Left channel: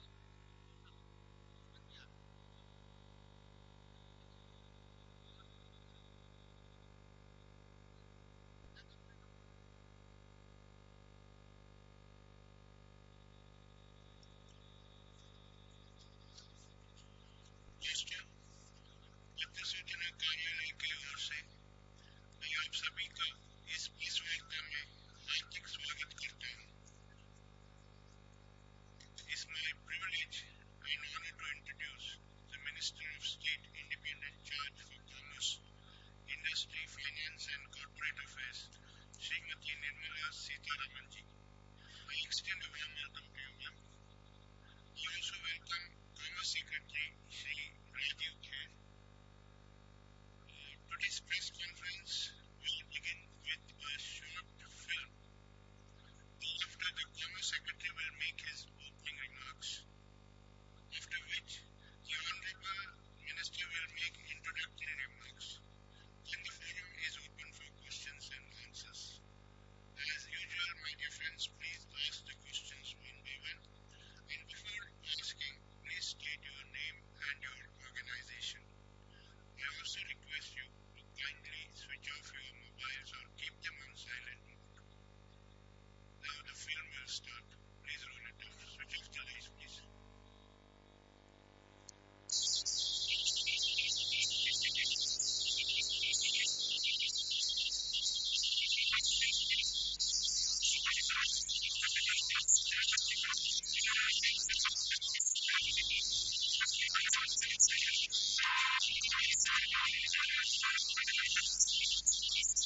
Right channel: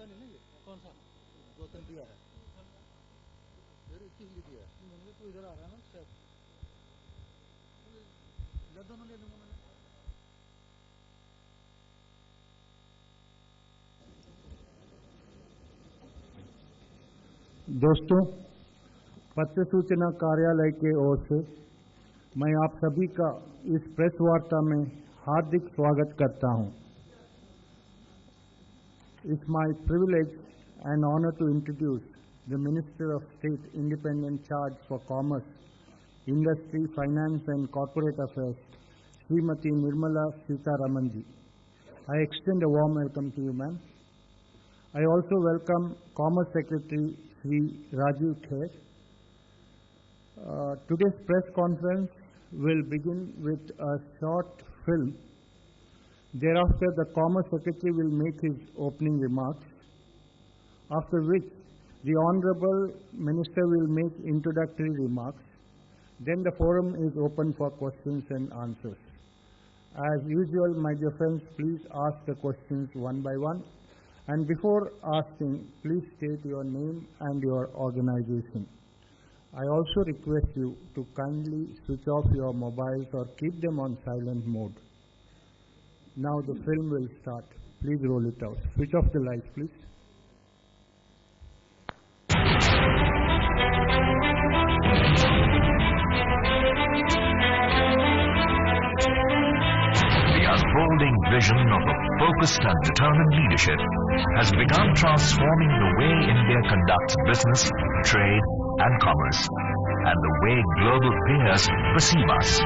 होता नहीं ना ये कौन सा 2-3 दिया है फिर 21 लिख दिया मुझे तो इधर आ रहा है ना शायद ले दोनों ले लूँगा मैं दोस्तों, पत्र सूचना कार्यालय के ओर से मैं आप सभी का इस प्रेस वार्ता में हार्दिक स्वागत करता हूं। It's my privilege and honor to introduce the Minister of State Independent Charge for Commerce, Industry, Finance and Corporate Affairs, Srimati Nirmala Sitharaman ji. I extend a warm welcome to you, ma'am. I also welcome Commerce Secretary Shri Rajiv Kher. Today's press conference will begin with a short film. Thereafter, the Commerce Secretary will make his opening remarks, after which the Honorable Minister will make introductory remarks. Then the forum is open for questions and answers. As usual, my dear friends, please ask the questions one by one. And before asking, please state your name and your organization. I also request you to kindly switch off your mobiles or keep them on silent mode. Now the film will start. Please roll it out. Switch off the lights, please. The unfolding vision of a focused and determined leadership has begun transforming the way India conducts business, trade and commerce, and the way global peers perceive us.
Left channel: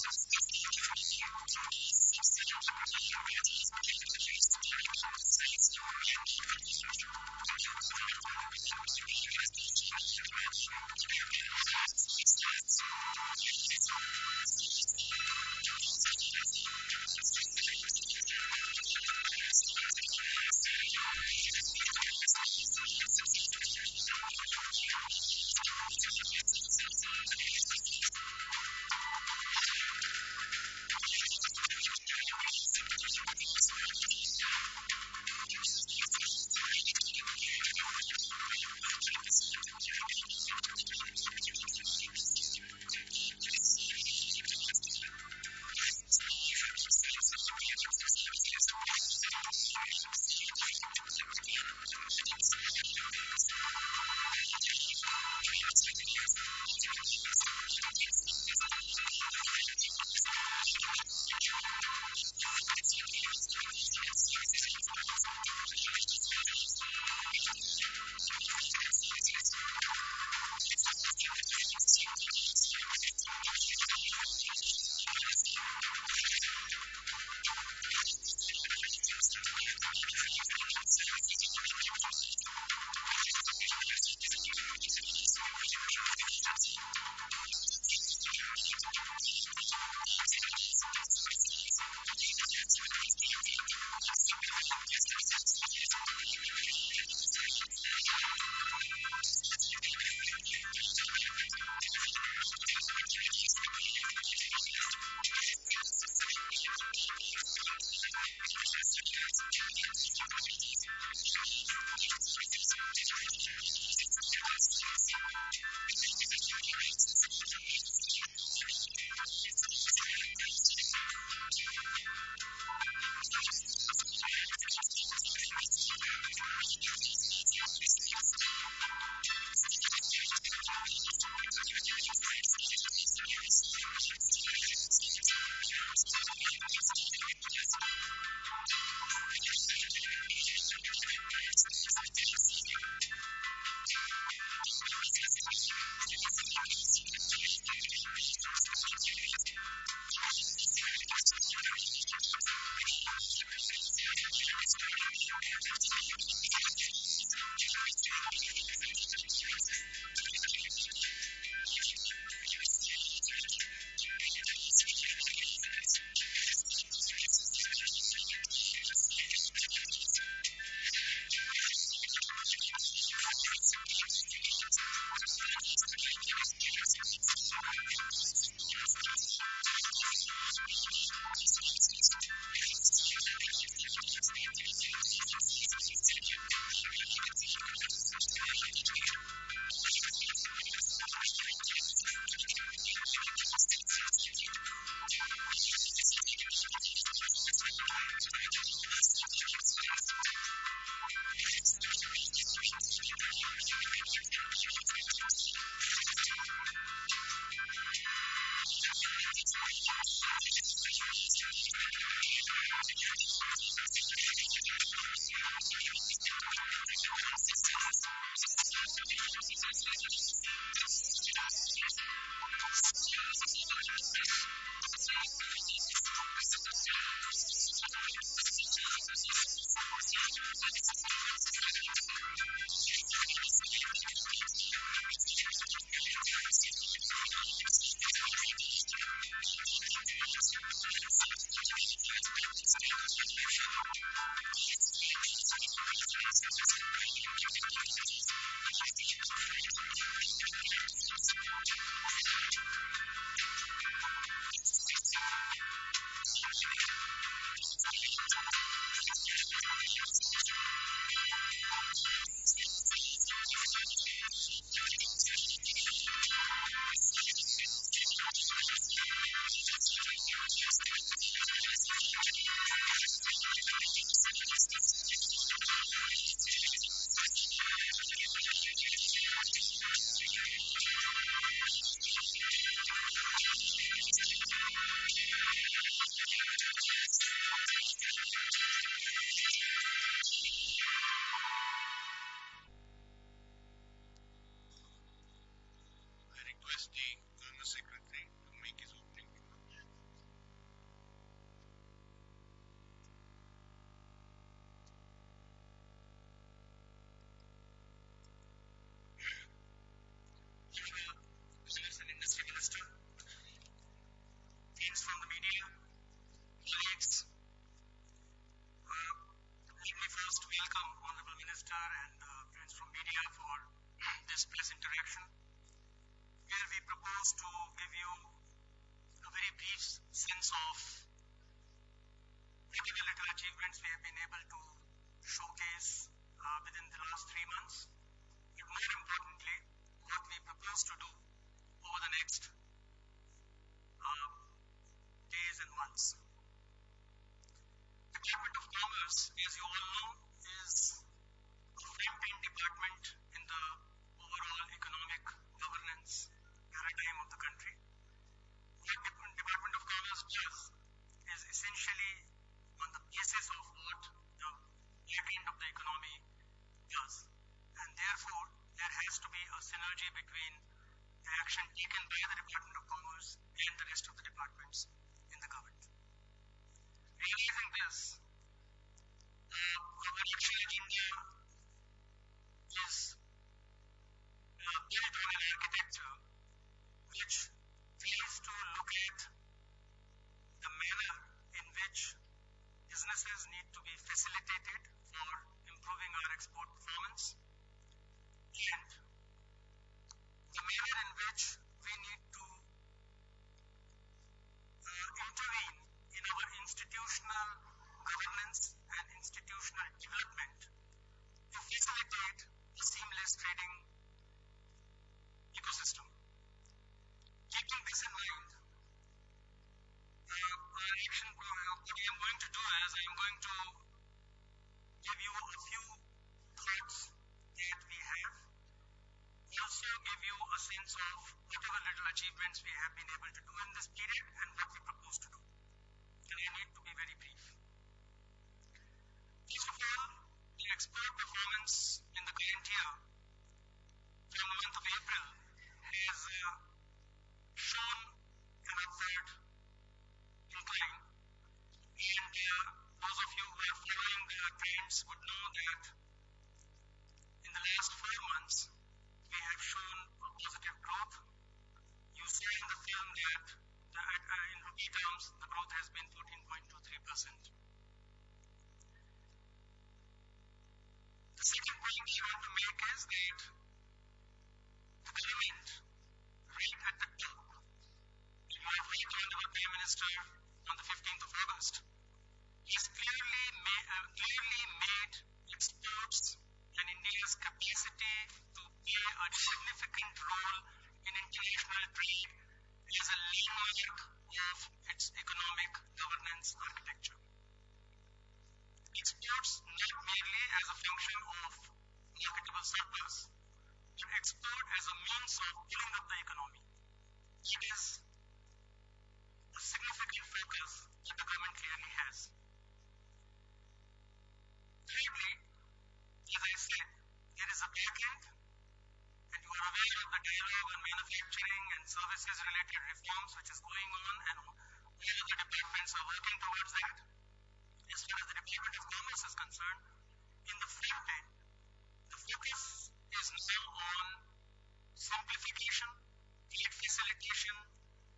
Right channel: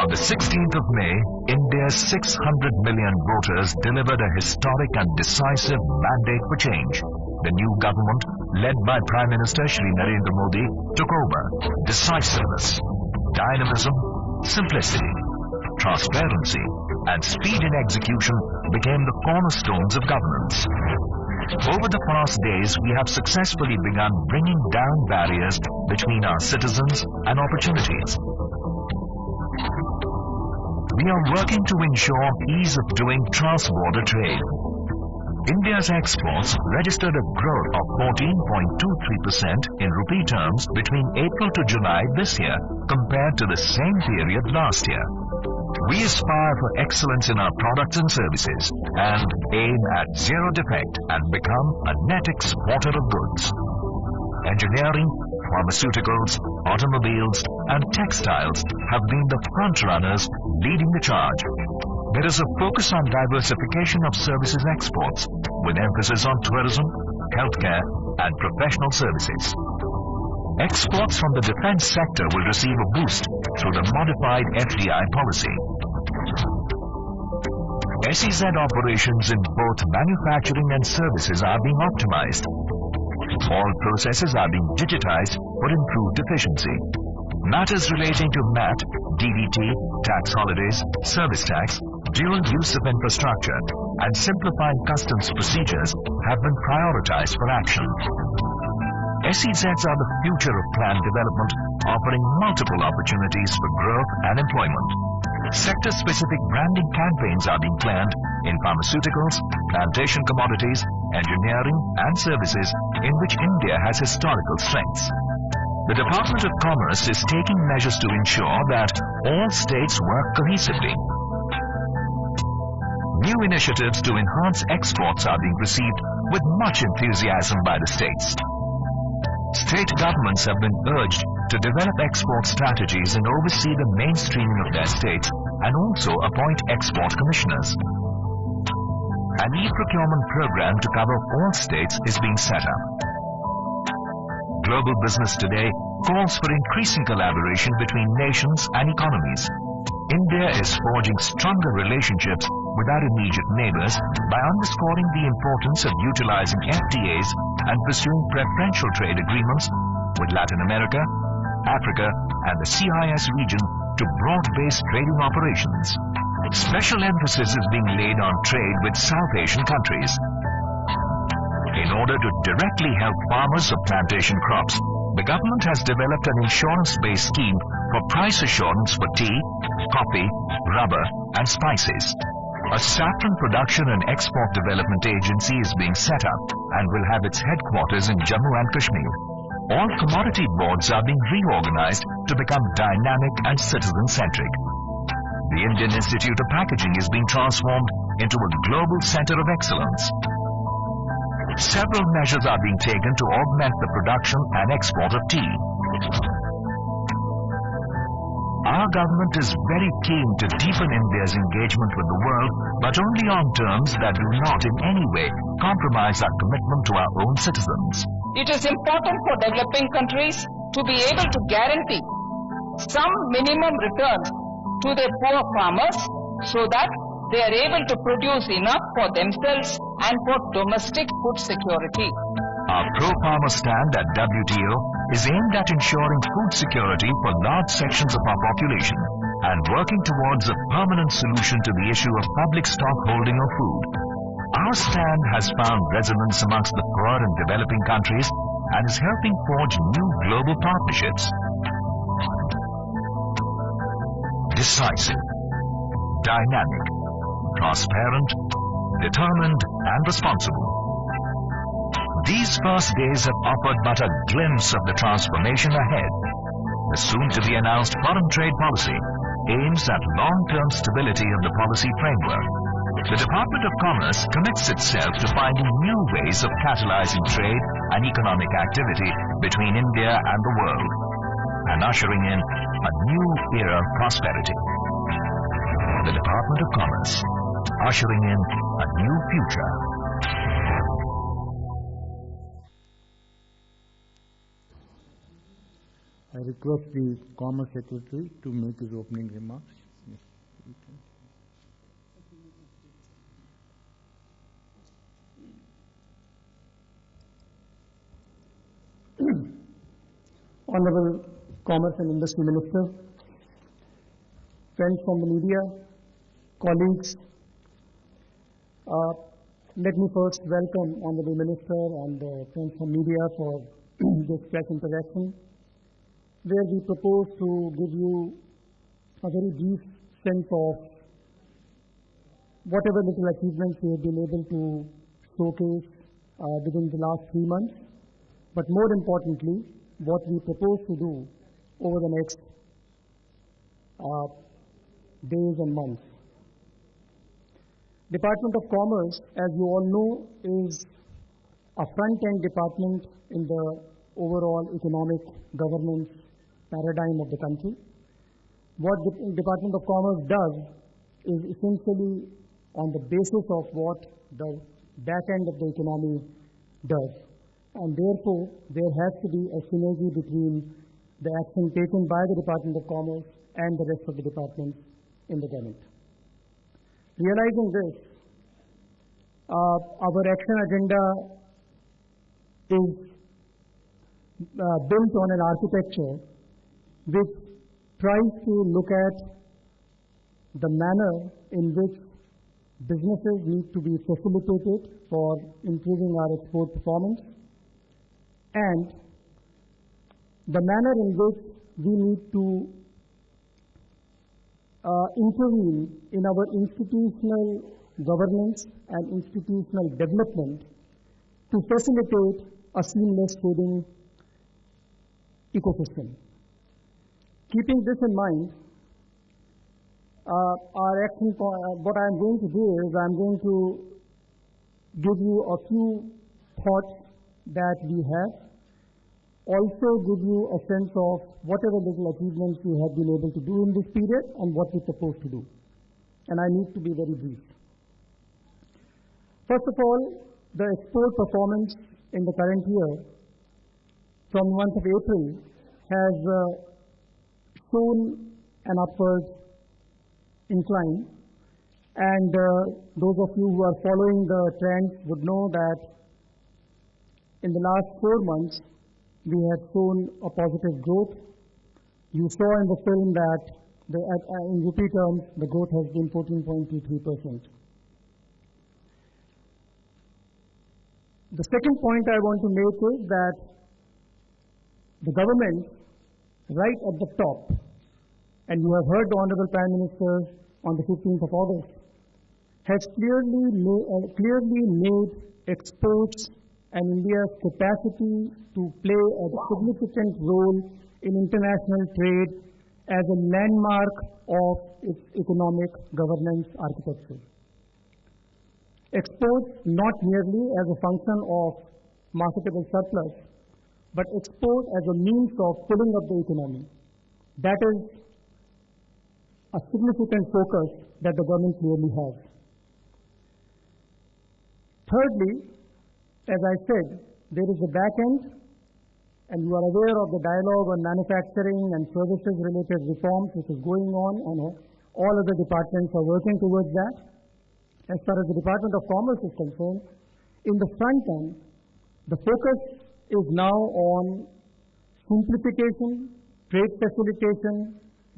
On the 16th of May, India's 600 million voters delivered a historic and decisive mandate for change. The new government, led by Prime Minister Shri Narendra Modi, took over. Decisiveness, dynamism, simplicity, transparency, and speed in execution became the cornerstones of governance. Over the past days, we have successfully begun bringing down barriers between our citizens and opportunities. We are working to ensure ease of doing cross-border trade. India's exports registered a growth of 14.23% in rupee terms between April to July this year compared to the same period last year. We aspire for excellence in our products and services and aim at zero defect and become a net exporter of goods. Engineering, pharmaceuticals, automobiles and textiles have been the front runners leading the charge. There is a focus on diversification of services exports with emphasis on tourism, healthcare and professional services. Exports from the defense sector will receive a boost through the modified FDI policy. SEZ operations in both manufacturing and services are being optimized. All processes are being digitized for improved efficiency. Matters relating to MAT, DDT, tax holidays, service tax, dual use of infrastructure, and simplifying customs procedures have been prioritized for action. SEZs are the future of planned development, offering multiple opportunities for growth and employment. Sector-specific branding campaigns are being planned in pharmaceuticals, plantation commodities, engineering and services in which India has historical strengths. The Department of Commerce is taking measures to ensure that all states work cohesively. New initiatives to enhance exports are being received with much enthusiasm by the states. State governments have been urged to develop export strategies and oversee the mainstreaming of their states and also appoint export commissioners. An e-procurement program to cover all states is being set up. Global business today calls for increasing collaboration between nations and economies. India is forging stronger relationships with our immediate neighbors by underscoring the importance of utilizing FTAs and pursuing preferential trade agreements with Latin America, Africa and the CIS region to broad-based trading operations. Special emphasis is being laid on trade with South Asian countries. In order to directly help farmers of plantation crops, the government has developed an insurance-based scheme for price assurance for tea, coffee, rubber and spices. A saffron production and export development agency is being set up and will have its headquarters in Jammu and Kashmir. All commodity boards are being reorganized to become dynamic and citizen-centric. The Indian Institute of Packaging is being transformed into a global center of excellence. Several measures are being taken to augment the production and export of tea. Our government is very keen to deepen India's engagement with the world, but only on terms that do not in any way compromise our commitment to our own citizens. It is important for developing countries to be able to guarantee some minimum returns to their poor farmers so that they are able to produce enough for themselves and for domestic food security. Our pro-farmer stand at WTO is aimed at ensuring food security for large sections of our population and working towards a permanent solution to the issue of public stock holding of food. Our stand has found resonance amongst the poor and developing countries and is helping forge new global partnerships. Decisive, dynamic, transparent, determined and responsible. These first days have offered but a glimpse of the transformation ahead. The soon-to-be-announced foreign trade policy aims at long-term stability of the policy framework. The Department of Commerce commits itself to finding new ways of catalyzing trade and economic activity between India and the world and ushering in a new era of prosperity. The Department of Commerce, ushering in a new future. I request the Commerce Secretary to make his opening remarks. Honorable Commerce and Industry Minister, friends from the media, colleagues, let me first welcome Honorable Minister and friends from media for this press interaction, where we propose to give you a very brief sense of whatever little achievements we have been able to showcase within the last 3 months, but more importantly, what we propose to do over the next days and months. Department of Commerce, as you all know, is a front-end department in the overall economic governance paradigm of the country. What Department of Commerce does is essentially on the basis of what the back end of the economy does. And therefore, there has to be a synergy between the action taken by the Department of Commerce and the rest of the departments in the government. Realizing this, our action agenda is built on an architecture which tries to look at the manner in which businesses need to be facilitated for improving our export performance, and the manner in which we need to intervene in our institutional governance and institutional development to facilitate a seamless trading ecosystem. Keeping this in mind, our action, what I'm going to do is I'm going to give you a few thoughts that we have, also give you a sense of whatever little achievements we have been able to do in this period and what we propose to do. And I need to be very brief. First of all, the export performance in the current year from the month of April has shown an upward incline, and those of you who are following the trends would know that in the last 4 months we have shown a positive growth. You saw in the film that in rupee terms the growth has been 14.23%. The second point I want to make is that the government right at the top and you have heard the Honorable Prime Minister on the 15th of August, has clearly made exports and India's capacity to play a significant role in international trade as a landmark of its economic governance architecture. Exports not merely as a function of marketable surplus, but export as a means of pulling up the economy. That is a significant focus that the government clearly has. Thirdly, as I said, there is a back end, and you are aware of the dialogue on manufacturing and services related reforms which is going on, and all other departments are working towards that. As far as the Department of Commerce is concerned, in the front end, the focus is now on simplification, trade facilitation,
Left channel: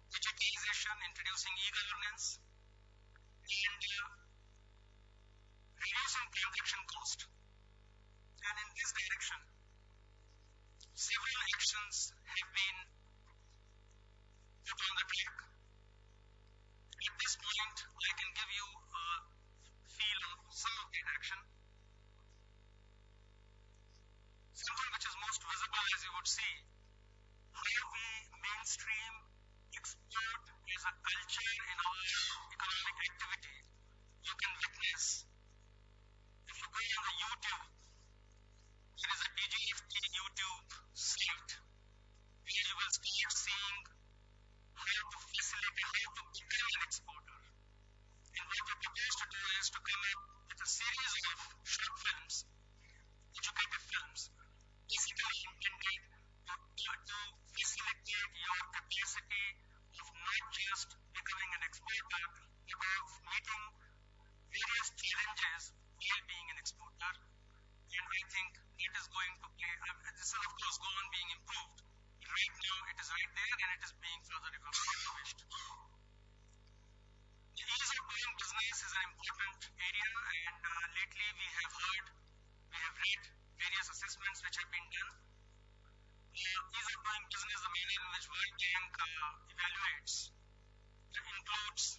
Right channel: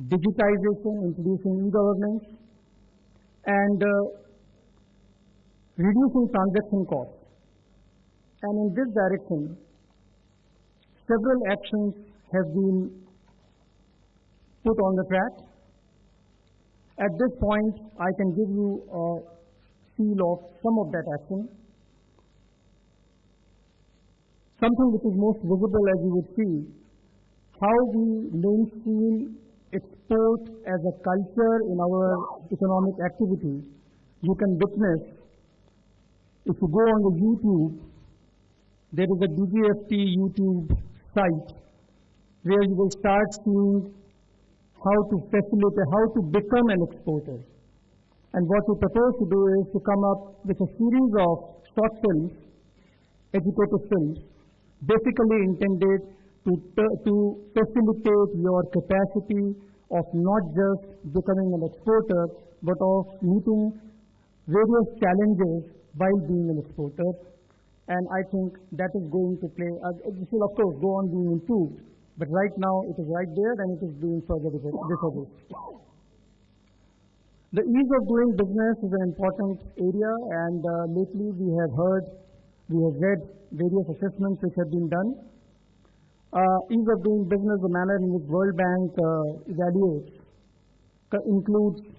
digitization, introducing e-governance, and reducing transaction cost. And in this direction, several actions have been put on the track. At this point, I can give you a feel of some of that action. Something which is most visible, as you would see, how we mainstream export as a culture in our economic activity. You can witness, if you go on the YouTube, there is a DGFT YouTube site where you will start seeing how to facilitate, how to become an exporter. And what we propose to do is to come up with a series of short films, educative films, basically intended to facilitate your capacity of not just becoming an exporter, but of meeting various challenges while being an exporter. And I think that is going to play, this will of course go on being improved, but right now it is right there and it is being further refurbished. The ease of doing business is an important area, and lately we have read various assessments which have been done. Ease of doing business, the manner in which World Bank evaluates, includes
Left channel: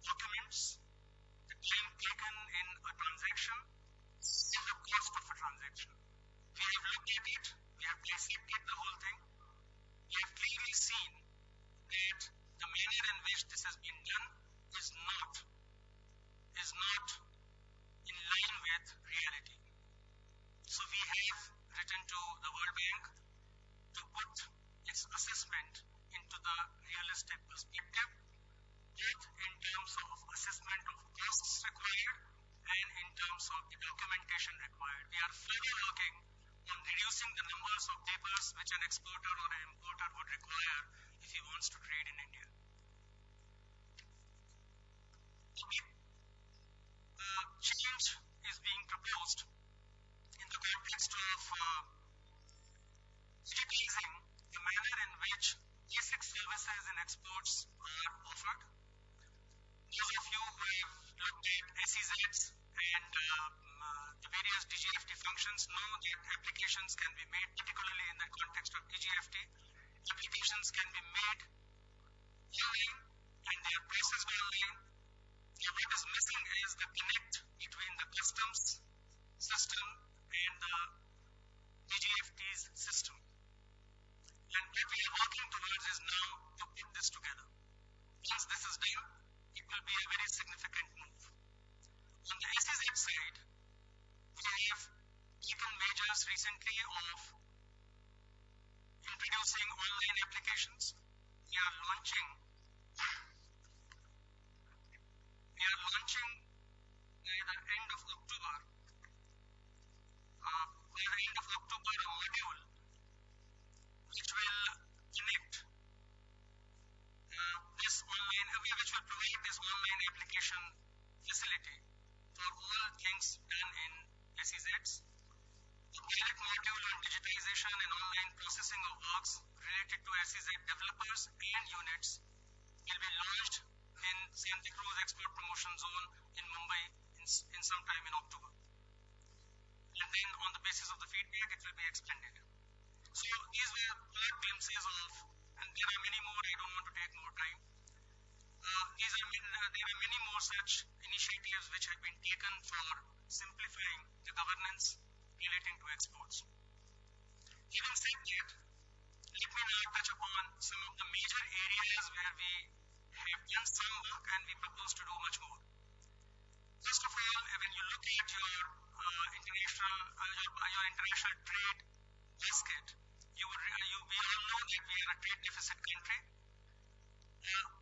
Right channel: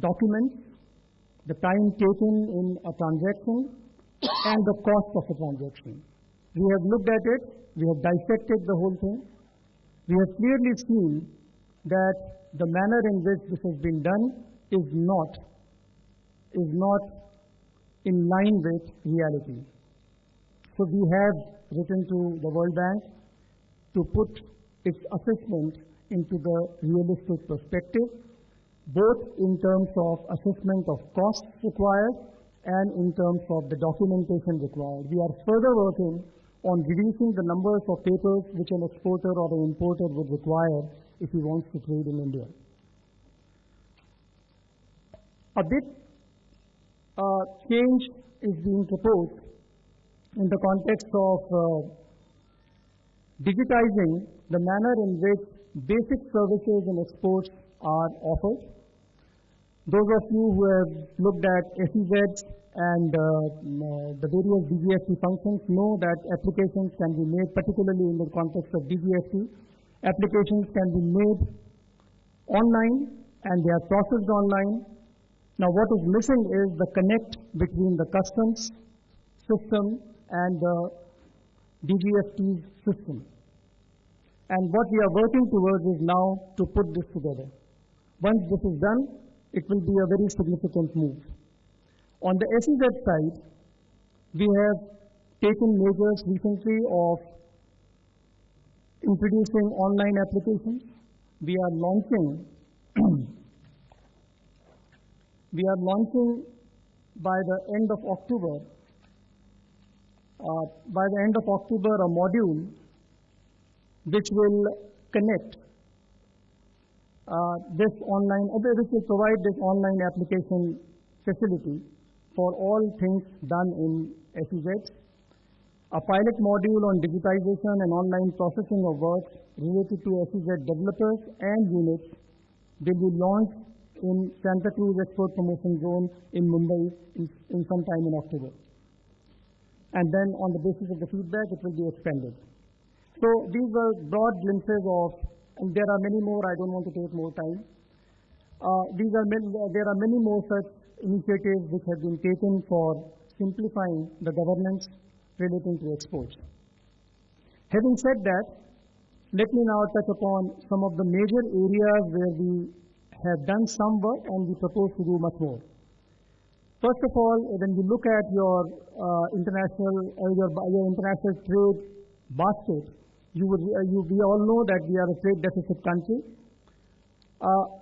documents, the time taken in a transaction, and the cost of a transaction. We have looked at it, we have dissected the whole thing. We have clearly seen that the manner in which this has been done is not in line with reality. So we have written to the World Bank to put its assessment into the realistic perspective, both in terms of assessment of costs required and in terms of the documentation required. We are further working on reducing the numbers of papers which an exporter or an importer would require if he wants to trade in India. A big change is being proposed in the context of digitizing the manner in which basic services and exports are offered. Those of you who have looked at SEZs and the various DGFT functions know that applications can be made, particularly in the context of DGFT, applications can be made online and they are processed online. Now what is missing is the connect between the customs system and the DGFT's system. And what we are working towards is now to put this together. Once this is done, it will be a very significant move. On the SEZ side, we have taken measures recently of introducing online applications. We are launching by the end of October a module which will connect which will provide this online application facility for all things done in SEZs. A pilot module on digitization and online processing of works related to SEZ developers and units will be launched in Santa Cruz Export Promotion Zone in Mumbai in some time in October. And then on the basis of the feedback, it will be expanded. So these were broad glimpses of and there are many more. I don't want to take more time. There are many more such initiatives which have been taken for simplifying the governance relating to exports. Having said that, let me now touch upon some of the major areas where we have done some work and we propose to do much more. First of all, when you look at your international trade basket, we all know that we are a trade deficit country.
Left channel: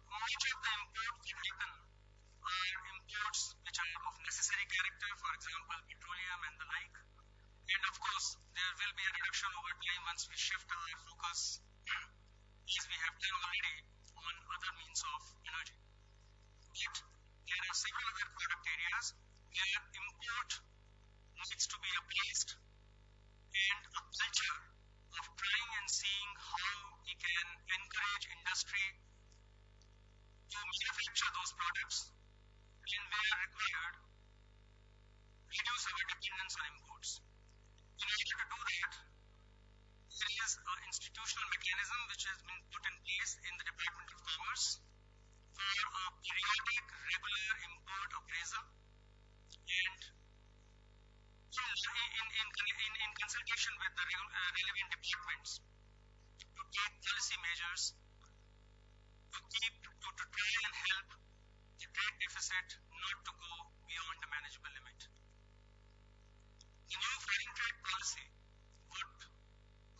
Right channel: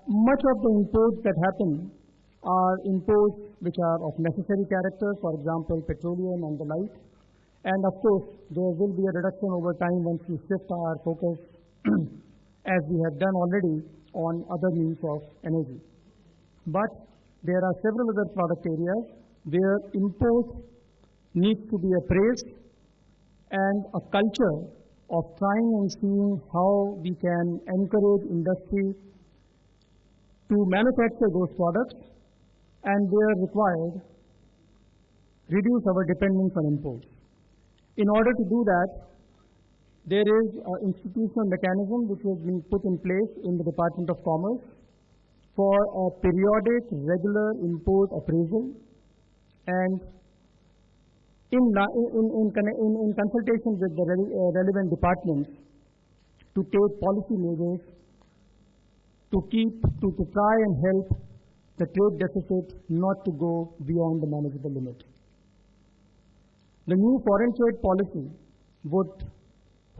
Much of the imports that happen are imports which are of necessary character, for example, petroleum and the like. And of course, there will be a reduction over time once we shift our focus, as we have done already, on other means of energy. But there are several other product areas where import needs to be appraised, and a culture of trying and seeing how we can encourage industry to manufacture those products, and where required, reduce our dependence on imports. In order to do that, there is an institutional mechanism which has been put in place in the Department of Commerce for a periodic, regular import appraisal, and in consultation with the relevant departments to take policy measures to try and help the trade deficit not to go beyond the manageable limit. The new foreign trade policy would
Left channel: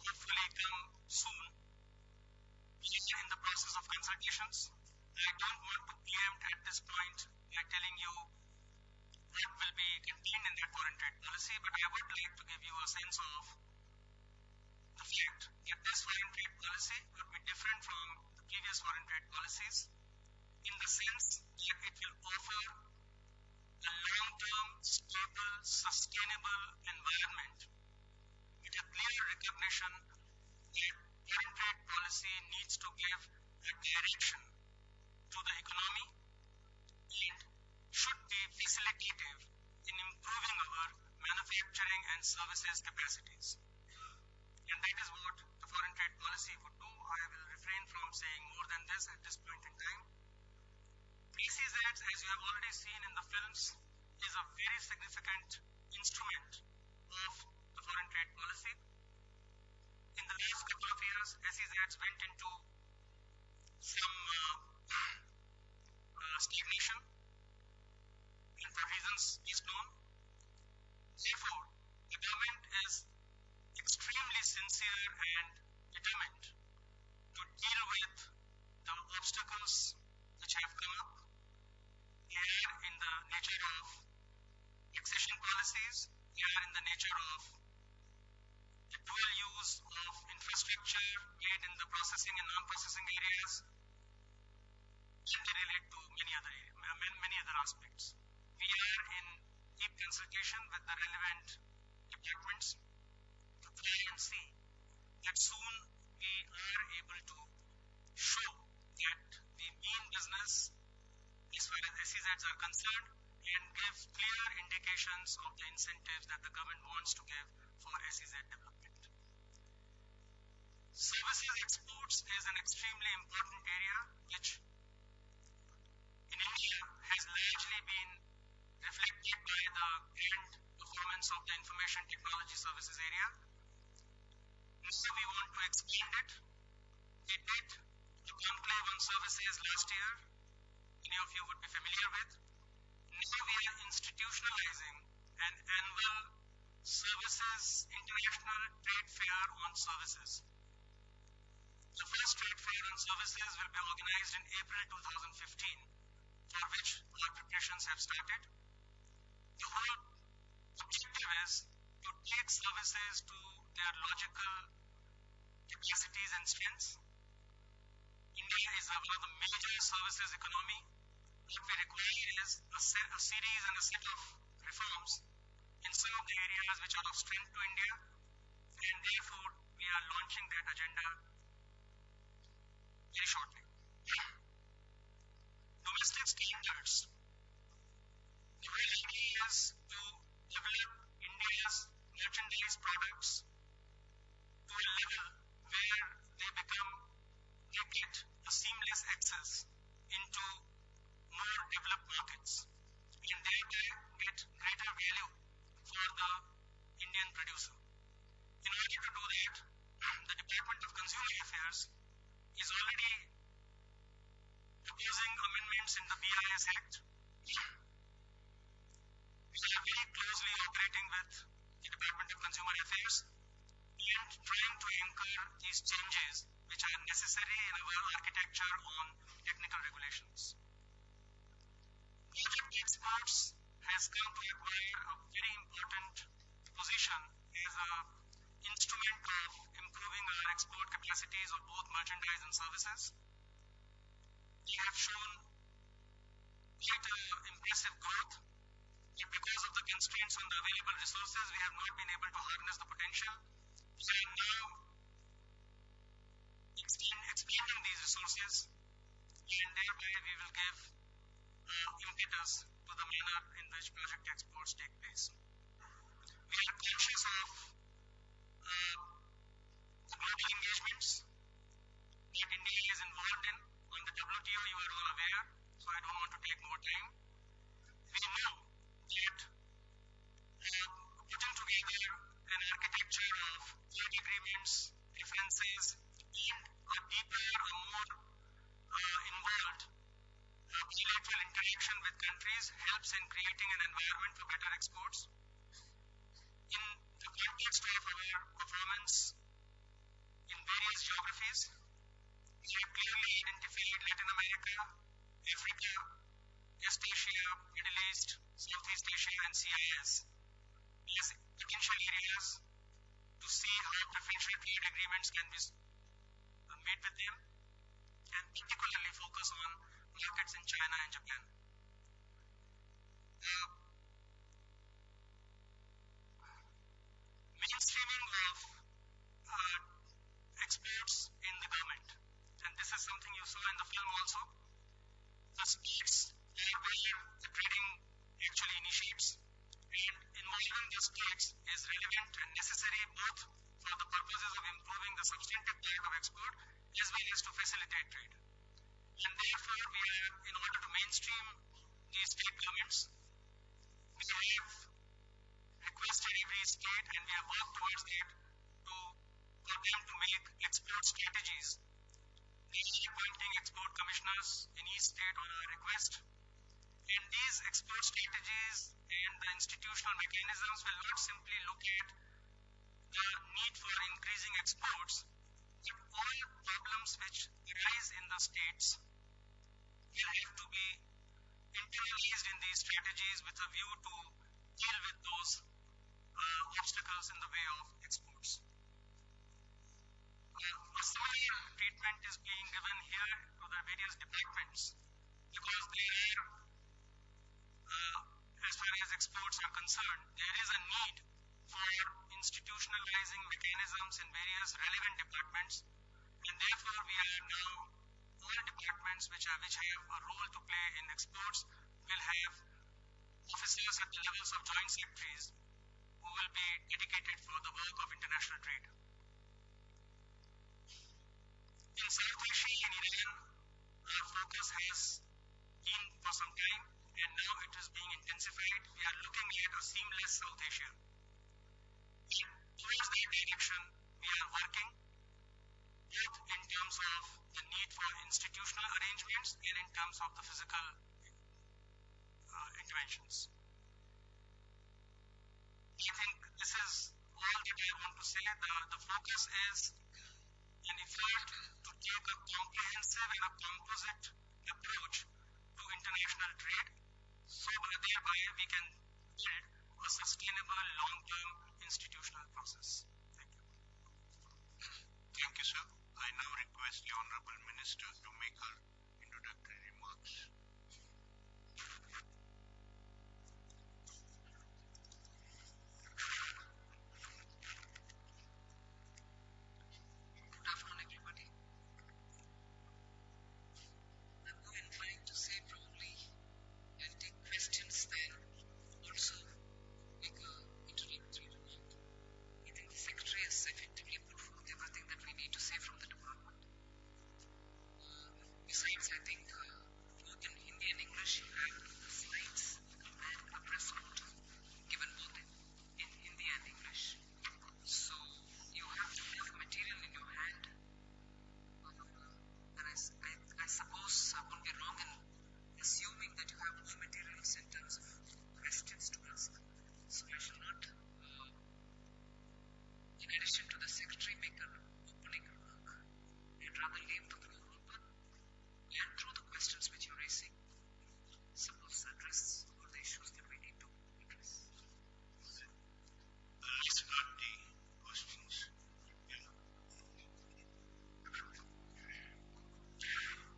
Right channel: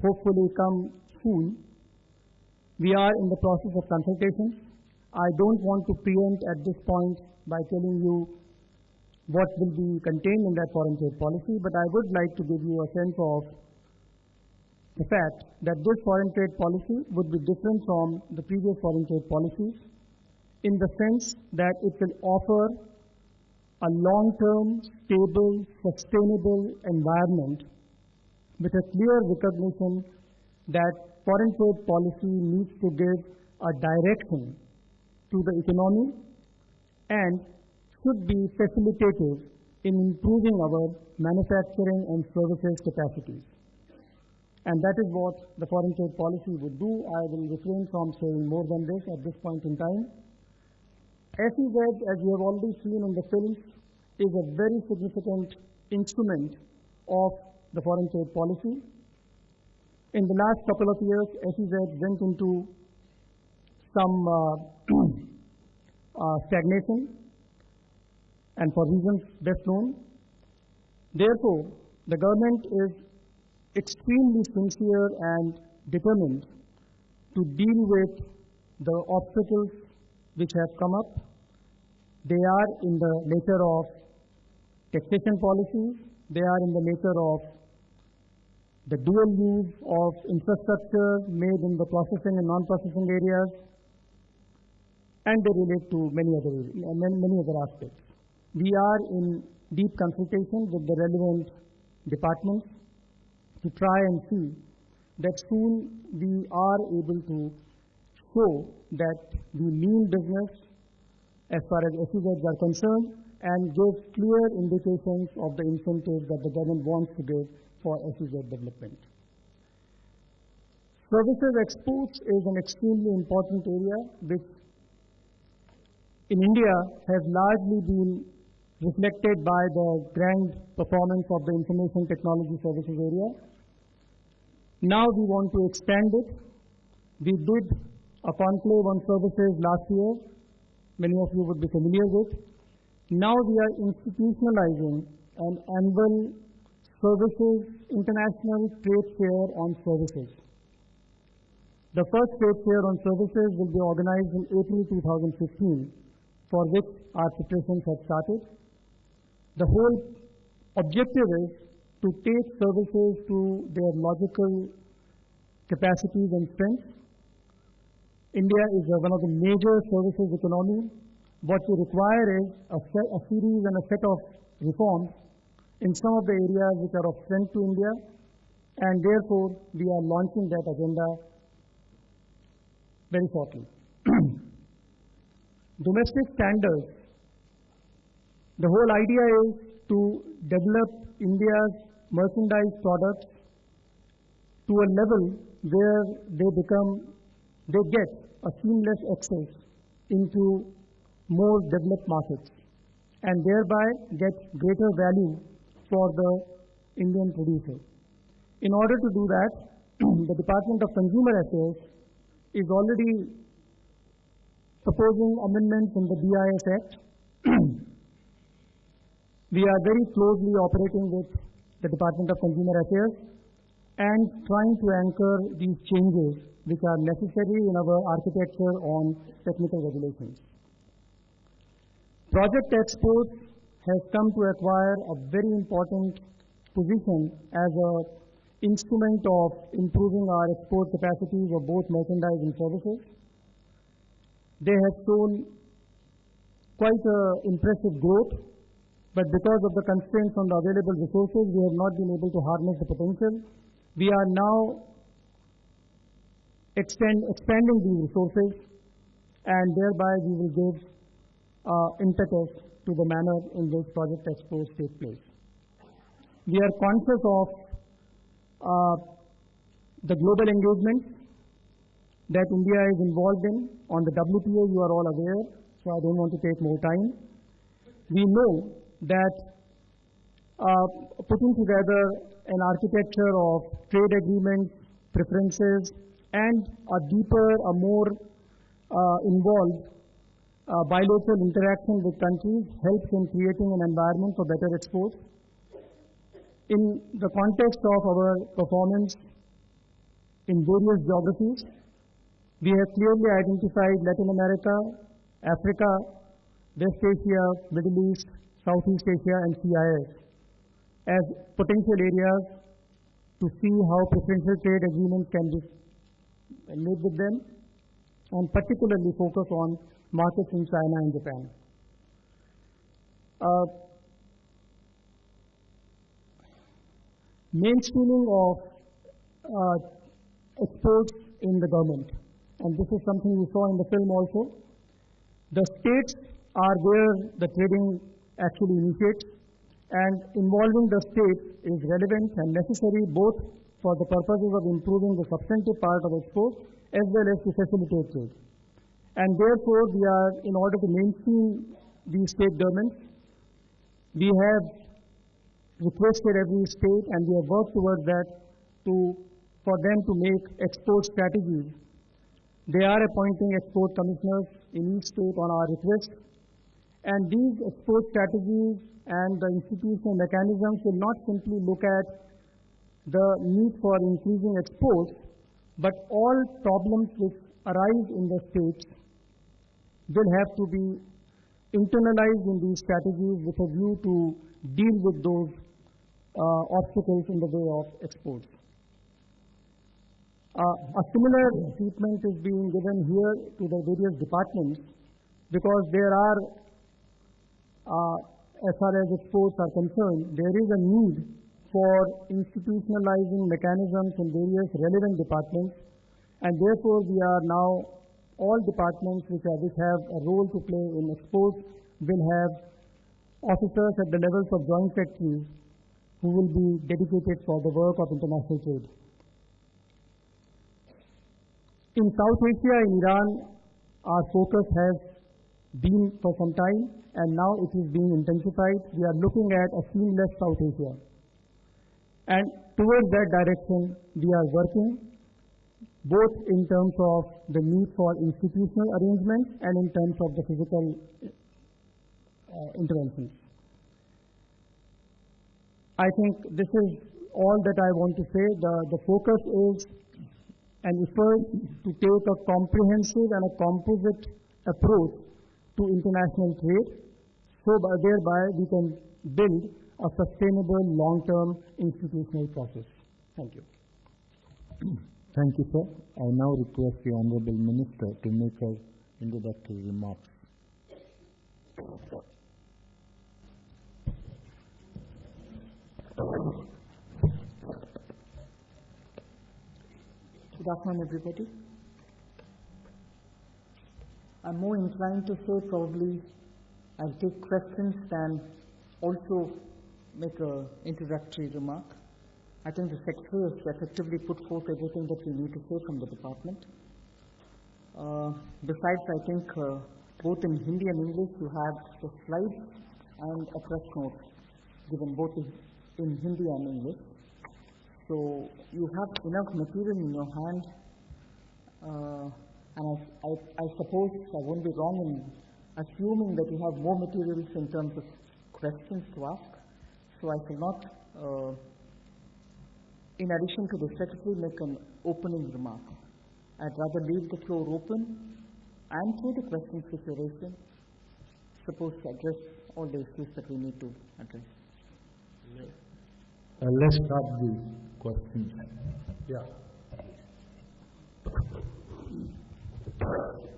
hopefully come soon. We are in the process of consultations. I don't want to preempt at this point by telling you what will be contained in that foreign trade policy, but I would like to give you a sense of the fact that this foreign trade policy would be different from the previous foreign trade policies in the sense that it will offer a long-term, stable, sustainable environment with a clear recognition that foreign trade policy needs to give a direction to the economy and should be facilitative in improving our manufacturing and services capacities. And that is what the foreign trade policy would do. I will refrain from saying more than this at this point in time. SEZs, as you have already seen in the films, is a very significant instrument of the foreign trade policy. In the last couple of years, SEZs went into some stagnation, and for reasons best known. Therefore, the government is extremely sincere and determined to deal with the obstacles which have come up. They are in the nature of taxation policies, they are in the nature of the dual use of infrastructure made in the processing and non-processing areas, and they relate to many other aspects. We are in deep consultation with the relevant departments to try and see that soon we are able to show that we mean business as far as SEZs are concerned and give clear indications of the incentives that the government wants to give for SEZ development. Services exports is an extremely important area which in India has largely been reflected by the grand performance of the information technology services area. Now we want to expand it. We did a conclave on services last year. Many of you would be familiar with. Now we are institutionalizing an annual services international trade fair on services. The first trade fair on services will be organized in April 2015, for which our preparations have started. The whole objective is to take services to their logical capacities and strengths. India is one of the major services economy. What we require is a series and a set of reforms in some of the areas which are of strength to India, and therefore we are launching that agenda very shortly. Domestic standards. The whole idea is to develop India's merchandise products to a level where they become they get a seamless access into more developed markets and thereby get greater value for the Indian producer. In order to do that, the Department of Consumer Affairs is already proposing amendments in the BIS Act. We are very closely operating with the Department of Consumer Affairs and trying to anchor these changes which are necessary in our architecture on technical regulations. Project Exports has come to acquire a very important position as an instrument of improving our export capacities of both merchandise and services. They have shown quite impressive growth, but because of the constraints on the available resources, we have not been able to harness the potential. We are now expanding these resources, and thereby we will give impetus to the manner in which project exports take place. We are conscious of the global engagements that India is involved in. On the WTO, you are all aware, so I don't want to take more time. We know that putting together an architecture of trade agreements, preferences, and a deeper, a more involved bilateral interaction with countries helps in creating an environment for better exports. In the context of our performance in various geographies, we have clearly identified Latin America, Africa, West Asia, Middle East, Southeast Asia, and CIS as potential areas to see how preferential trade agreements can be made with them, and particularly focus on markets in China and Japan. Mainstreaming of exports in the government, and this is something you saw in the film also. The states are where the trading actually initiates, and involving the states is relevant and necessary both for the purposes of improving the substantive part of export as well as to facilitate trade. And therefore, we are, in order to mainstream these state governments, we have requested every state, and we have worked towards that, for them to make export strategies. They are appointing export commissioners in each state on our request. And these export strategies and the institutional mechanisms will not simply look at the need for increasing exports, but all problems which arise in the states will have to be internalized in these strategies with a view to deal with those obstacles in the way of exports. A similar treatment is being given here to the various departments because there are, as far as exports are concerned, there is a need for institutionalizing mechanisms in various relevant departments, and therefore we are now, all departments which have a role to play in exports will have officers at the levels of joint secretaries who will be dedicated for the work of international trade. In South Asia, in Iran, our focus has been for some time, and now it is being intensified. We are looking at a seamless South Asia. And towards that direction, we are working, both in terms of the need for institutional arrangements and in terms of the physical interventions. I think this is all that I want to say. The focus is an effort to take a comprehensive and a composite approach to international trade, so thereby we can build a sustainable long-term institutional process. Thank you. Thank you, sir. I now request the Honorable Minister to make her introductory remarks. Good afternoon, everybody. I'm more inclined to say probably I'll take questions than also make an introductory remark. I think the Secretary has effectively put forth everything that we need to say from the Department. Besides, I think both in Hindi and English you have the slides and a press note given both in Hindi and English. So you have enough material in your hand, and I suppose I won't be wrong in assuming that you have more materials in terms of questions to ask. So I shall not, in addition to the Secretary, make an opening remark. I'd rather leave the floor open, and through the questions which you're raising, suppose address all the issues that we need to address. Let's start the questions. Yeah.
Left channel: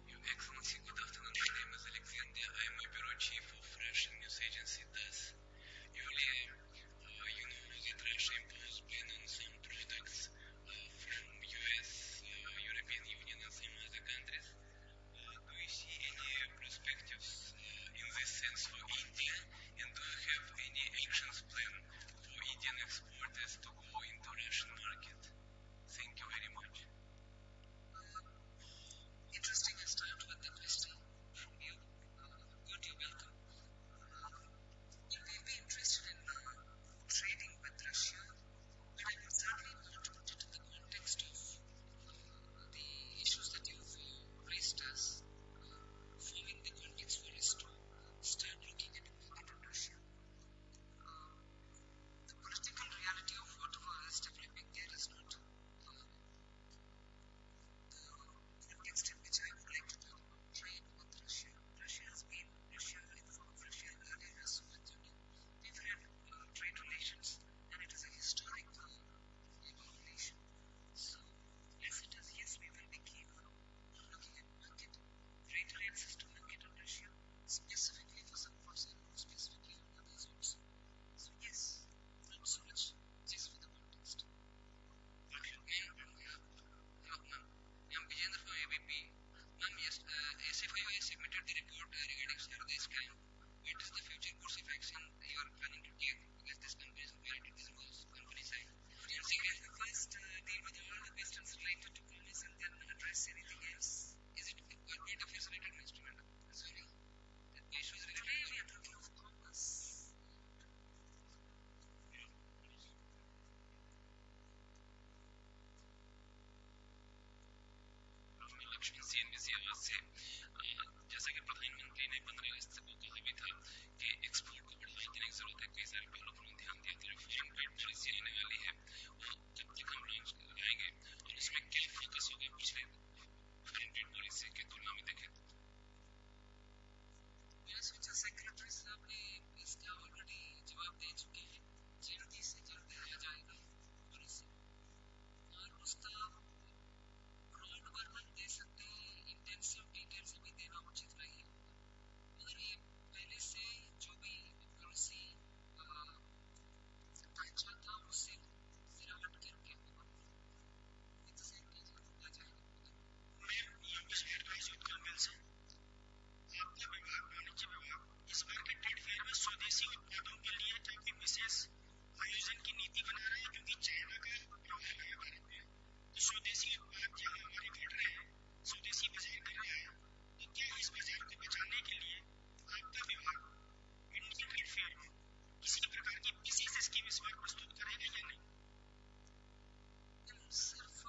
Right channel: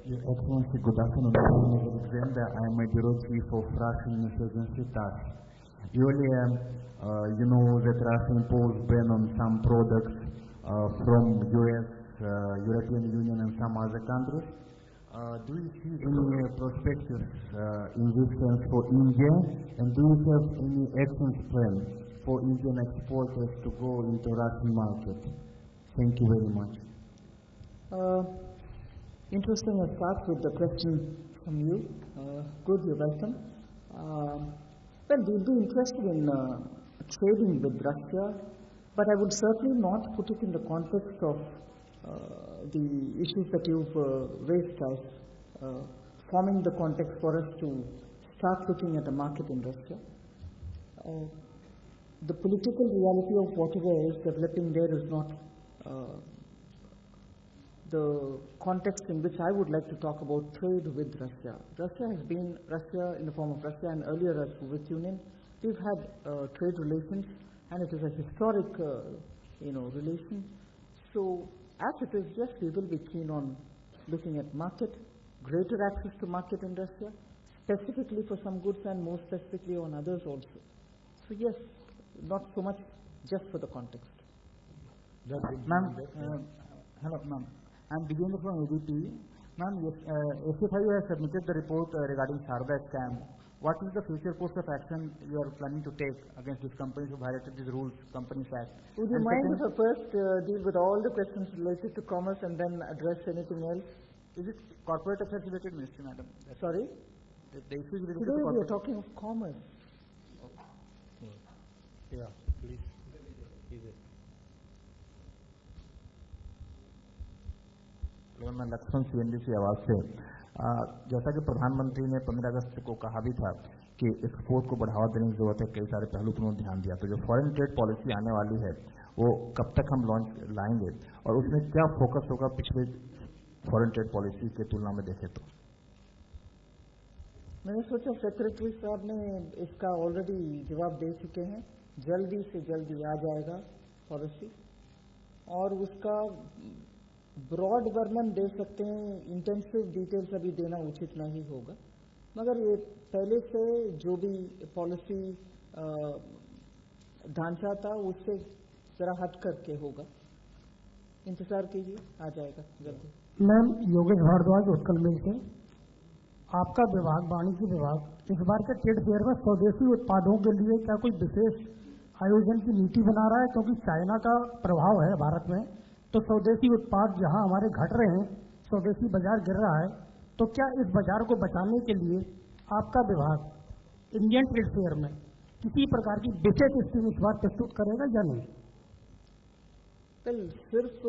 Your Excellency, good afternoon. My name is Alexander. I am a bureau chief of Russian news agency TASS. Earlier, you know that Russia imposed ban on some products from US, European Union and some other countries. Do you see any perspectives in this sense for India, and do you have any actions plan for Indian exporters to go into Russian market? Thank you very much. Interesting. I start with the question from you. Good, you're welcome. Well, we'll be interested in trading with Russia, but I would certainly not put it in the context of the issues that you've raised as forming the context for us to start looking at a market in Russia. The political reality of whatever is developing there is not the context in which I would like to talk about trade with Russia. Russia has been Russia in the form of Russia, and earlier as Soviet Union. We've had trade relations, and it is a historic, relation. So, as it is, yes, we will be keen on looking at market, greater access to market in Russia, specifically for some goods and more specifically on others also. So, yes, not so much just for the context. Ma'am, hello, ma'am. I'm Vijendra from ABP. Ma'am, yes, SFIU has submitted the report regarding Sarda scam. What is the future course of action you are planning to take against these companies who violated these rules, Companies Act? Would you mind if I first deal with all the questions related to commerce and then address anything else? Is it corporate affairs related, Ministry, madam? Sorry? The issue is related Today to we are corporate. talking of commerce. Yeah, please. मैं Lakshman CNBC आवाज से जैसा कि प्रधानमंत्री ने 15 अगस्त को कहा भी था कि एक्सपोर्ट को बढ़ावा देने की जरूरत है, कई सारे पहलू पर उन्होंने ध्यान दिया, तो जो फॉरेन ट्रेड पॉलिसी आने वाली है वो कब तक हम लॉन्च लाएंगे और उसमें क्या फोकस होगा पिछले फॉरेन ट्रेड पॉलिसी के तुलना में देखें तो? मैंने सोचा सेक्रेटरी साहब ने इसका ऑलरेडी जवाब दे चुके हैं। जल्दी से जल्दी आ जाएगा पॉलिसी, और उसका ब्रॉड वर्णन दे सकते हैं, इंटेंसिव डिटेल्स अभी देना उचित नहीं होगा, मगर ये पहले से जो भी पॉलिसी ढांचा था उससे जरा हट करके होगा। इंतजार कीजिए, आ जाएगा जल्दी। मैम, योगेश भारद्वाज, उत्कल मिल से। आपका विभाग, वाणिज्य विभाग, इस बार के ट्रेड फेयर में स्वदेशी उत्पादों के लिए क्या कोई विशेष आयोजन की नीति बना रहा है? क्योंकि चाइना का प्रभाव है भारत में, तो स्वदेशी उत्पाद जहां हमारे घट रहे हैं, स्वदेशी बाजार गिर रहा है, तो क्या इस बाजार को बचाने के लिए आपका विभाग इंडियन ट्रेड फेयर में किसी प्रकार की विशेष स्कीम इस बार प्रस्तुत करेगा या नहीं? वेल, सिर्फ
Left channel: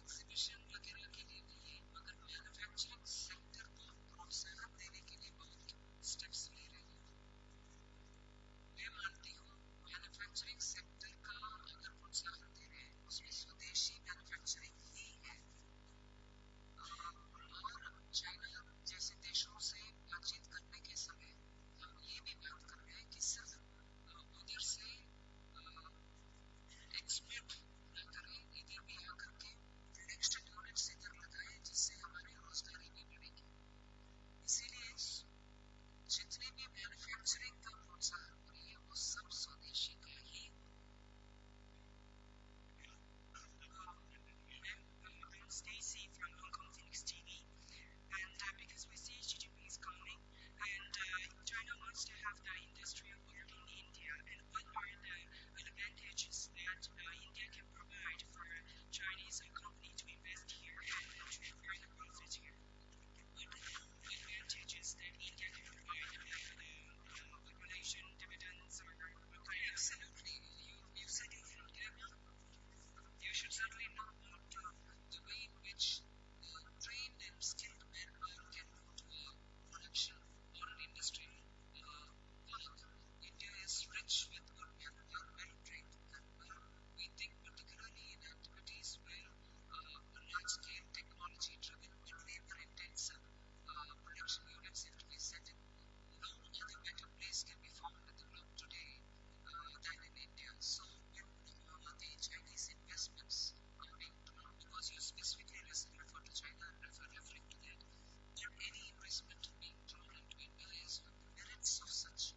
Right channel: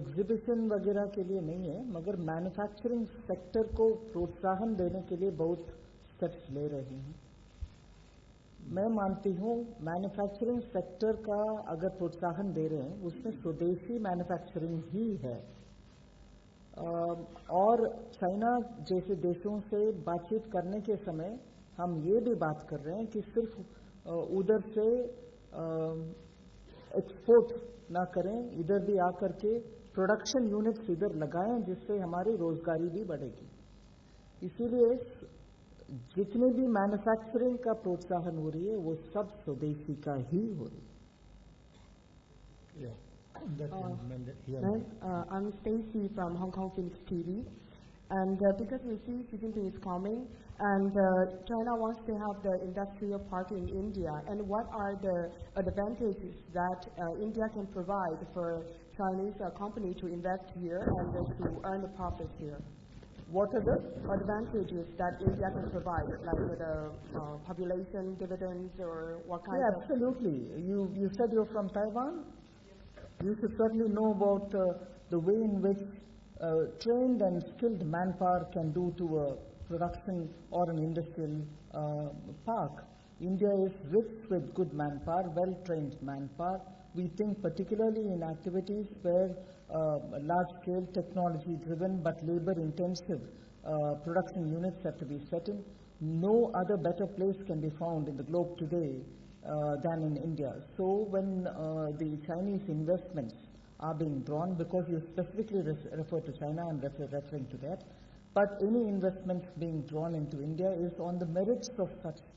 एग्जीबिशन वगैरह के लिए नहीं है, मगर मैन्युफैक्चरिंग सेक्टर को प्रोत्साहन देने के लिए बहुत स्टेप्स ले रहे हैं। मैं मानती हूँ मैन्युफैक्चरिंग सेक्टर का अगर प्रोत्साहन दे रहे हैं उसमें स्वदेशी मैन्युफैक्चरिंग ही है, और चाइना जैसे देशों से बातचीत करने के समय हम ये भी बात कर रहे हैं कि सिर्फ उधर से एक्सपोर्ट ना करें, इधर भी आकर के प्रोडक्शन यूनिट्स इधर लगाएं, जिससे हमारी रोजगारी भी बढ़ेगी। इसीलिए जितने भी मैन्युफैक्चरिंग का प्रोत्साहन हो रही है वो सब स्वदेशी का ही हो रही है। Ma'am, I'm Stacy from Hong Kong Phoenix TV. And because we see Xi Jinping is coming, and China wants to have the industrial park in India, and what are the advantages that India can provide for Chinese company to invest here and to earn the profits here? What are the advantages that India can provide, like the population dividends, or what kind Yeah, of... absolutely. You said you're from Taiwan? You should certainly know about the way in which trained and skilled manpower can do to a production or an industrial park. India is rich with good manpower, well-trained manpower. We think particularly in activities where large-scale, technology-driven but labor-intensive production units have to be set in. No other better place can be found in the globe today than in India. So when the Chinese investments are being drawn, because you specifically refer to China, I'm referring to that, but any investment being drawn into India is on the merits of such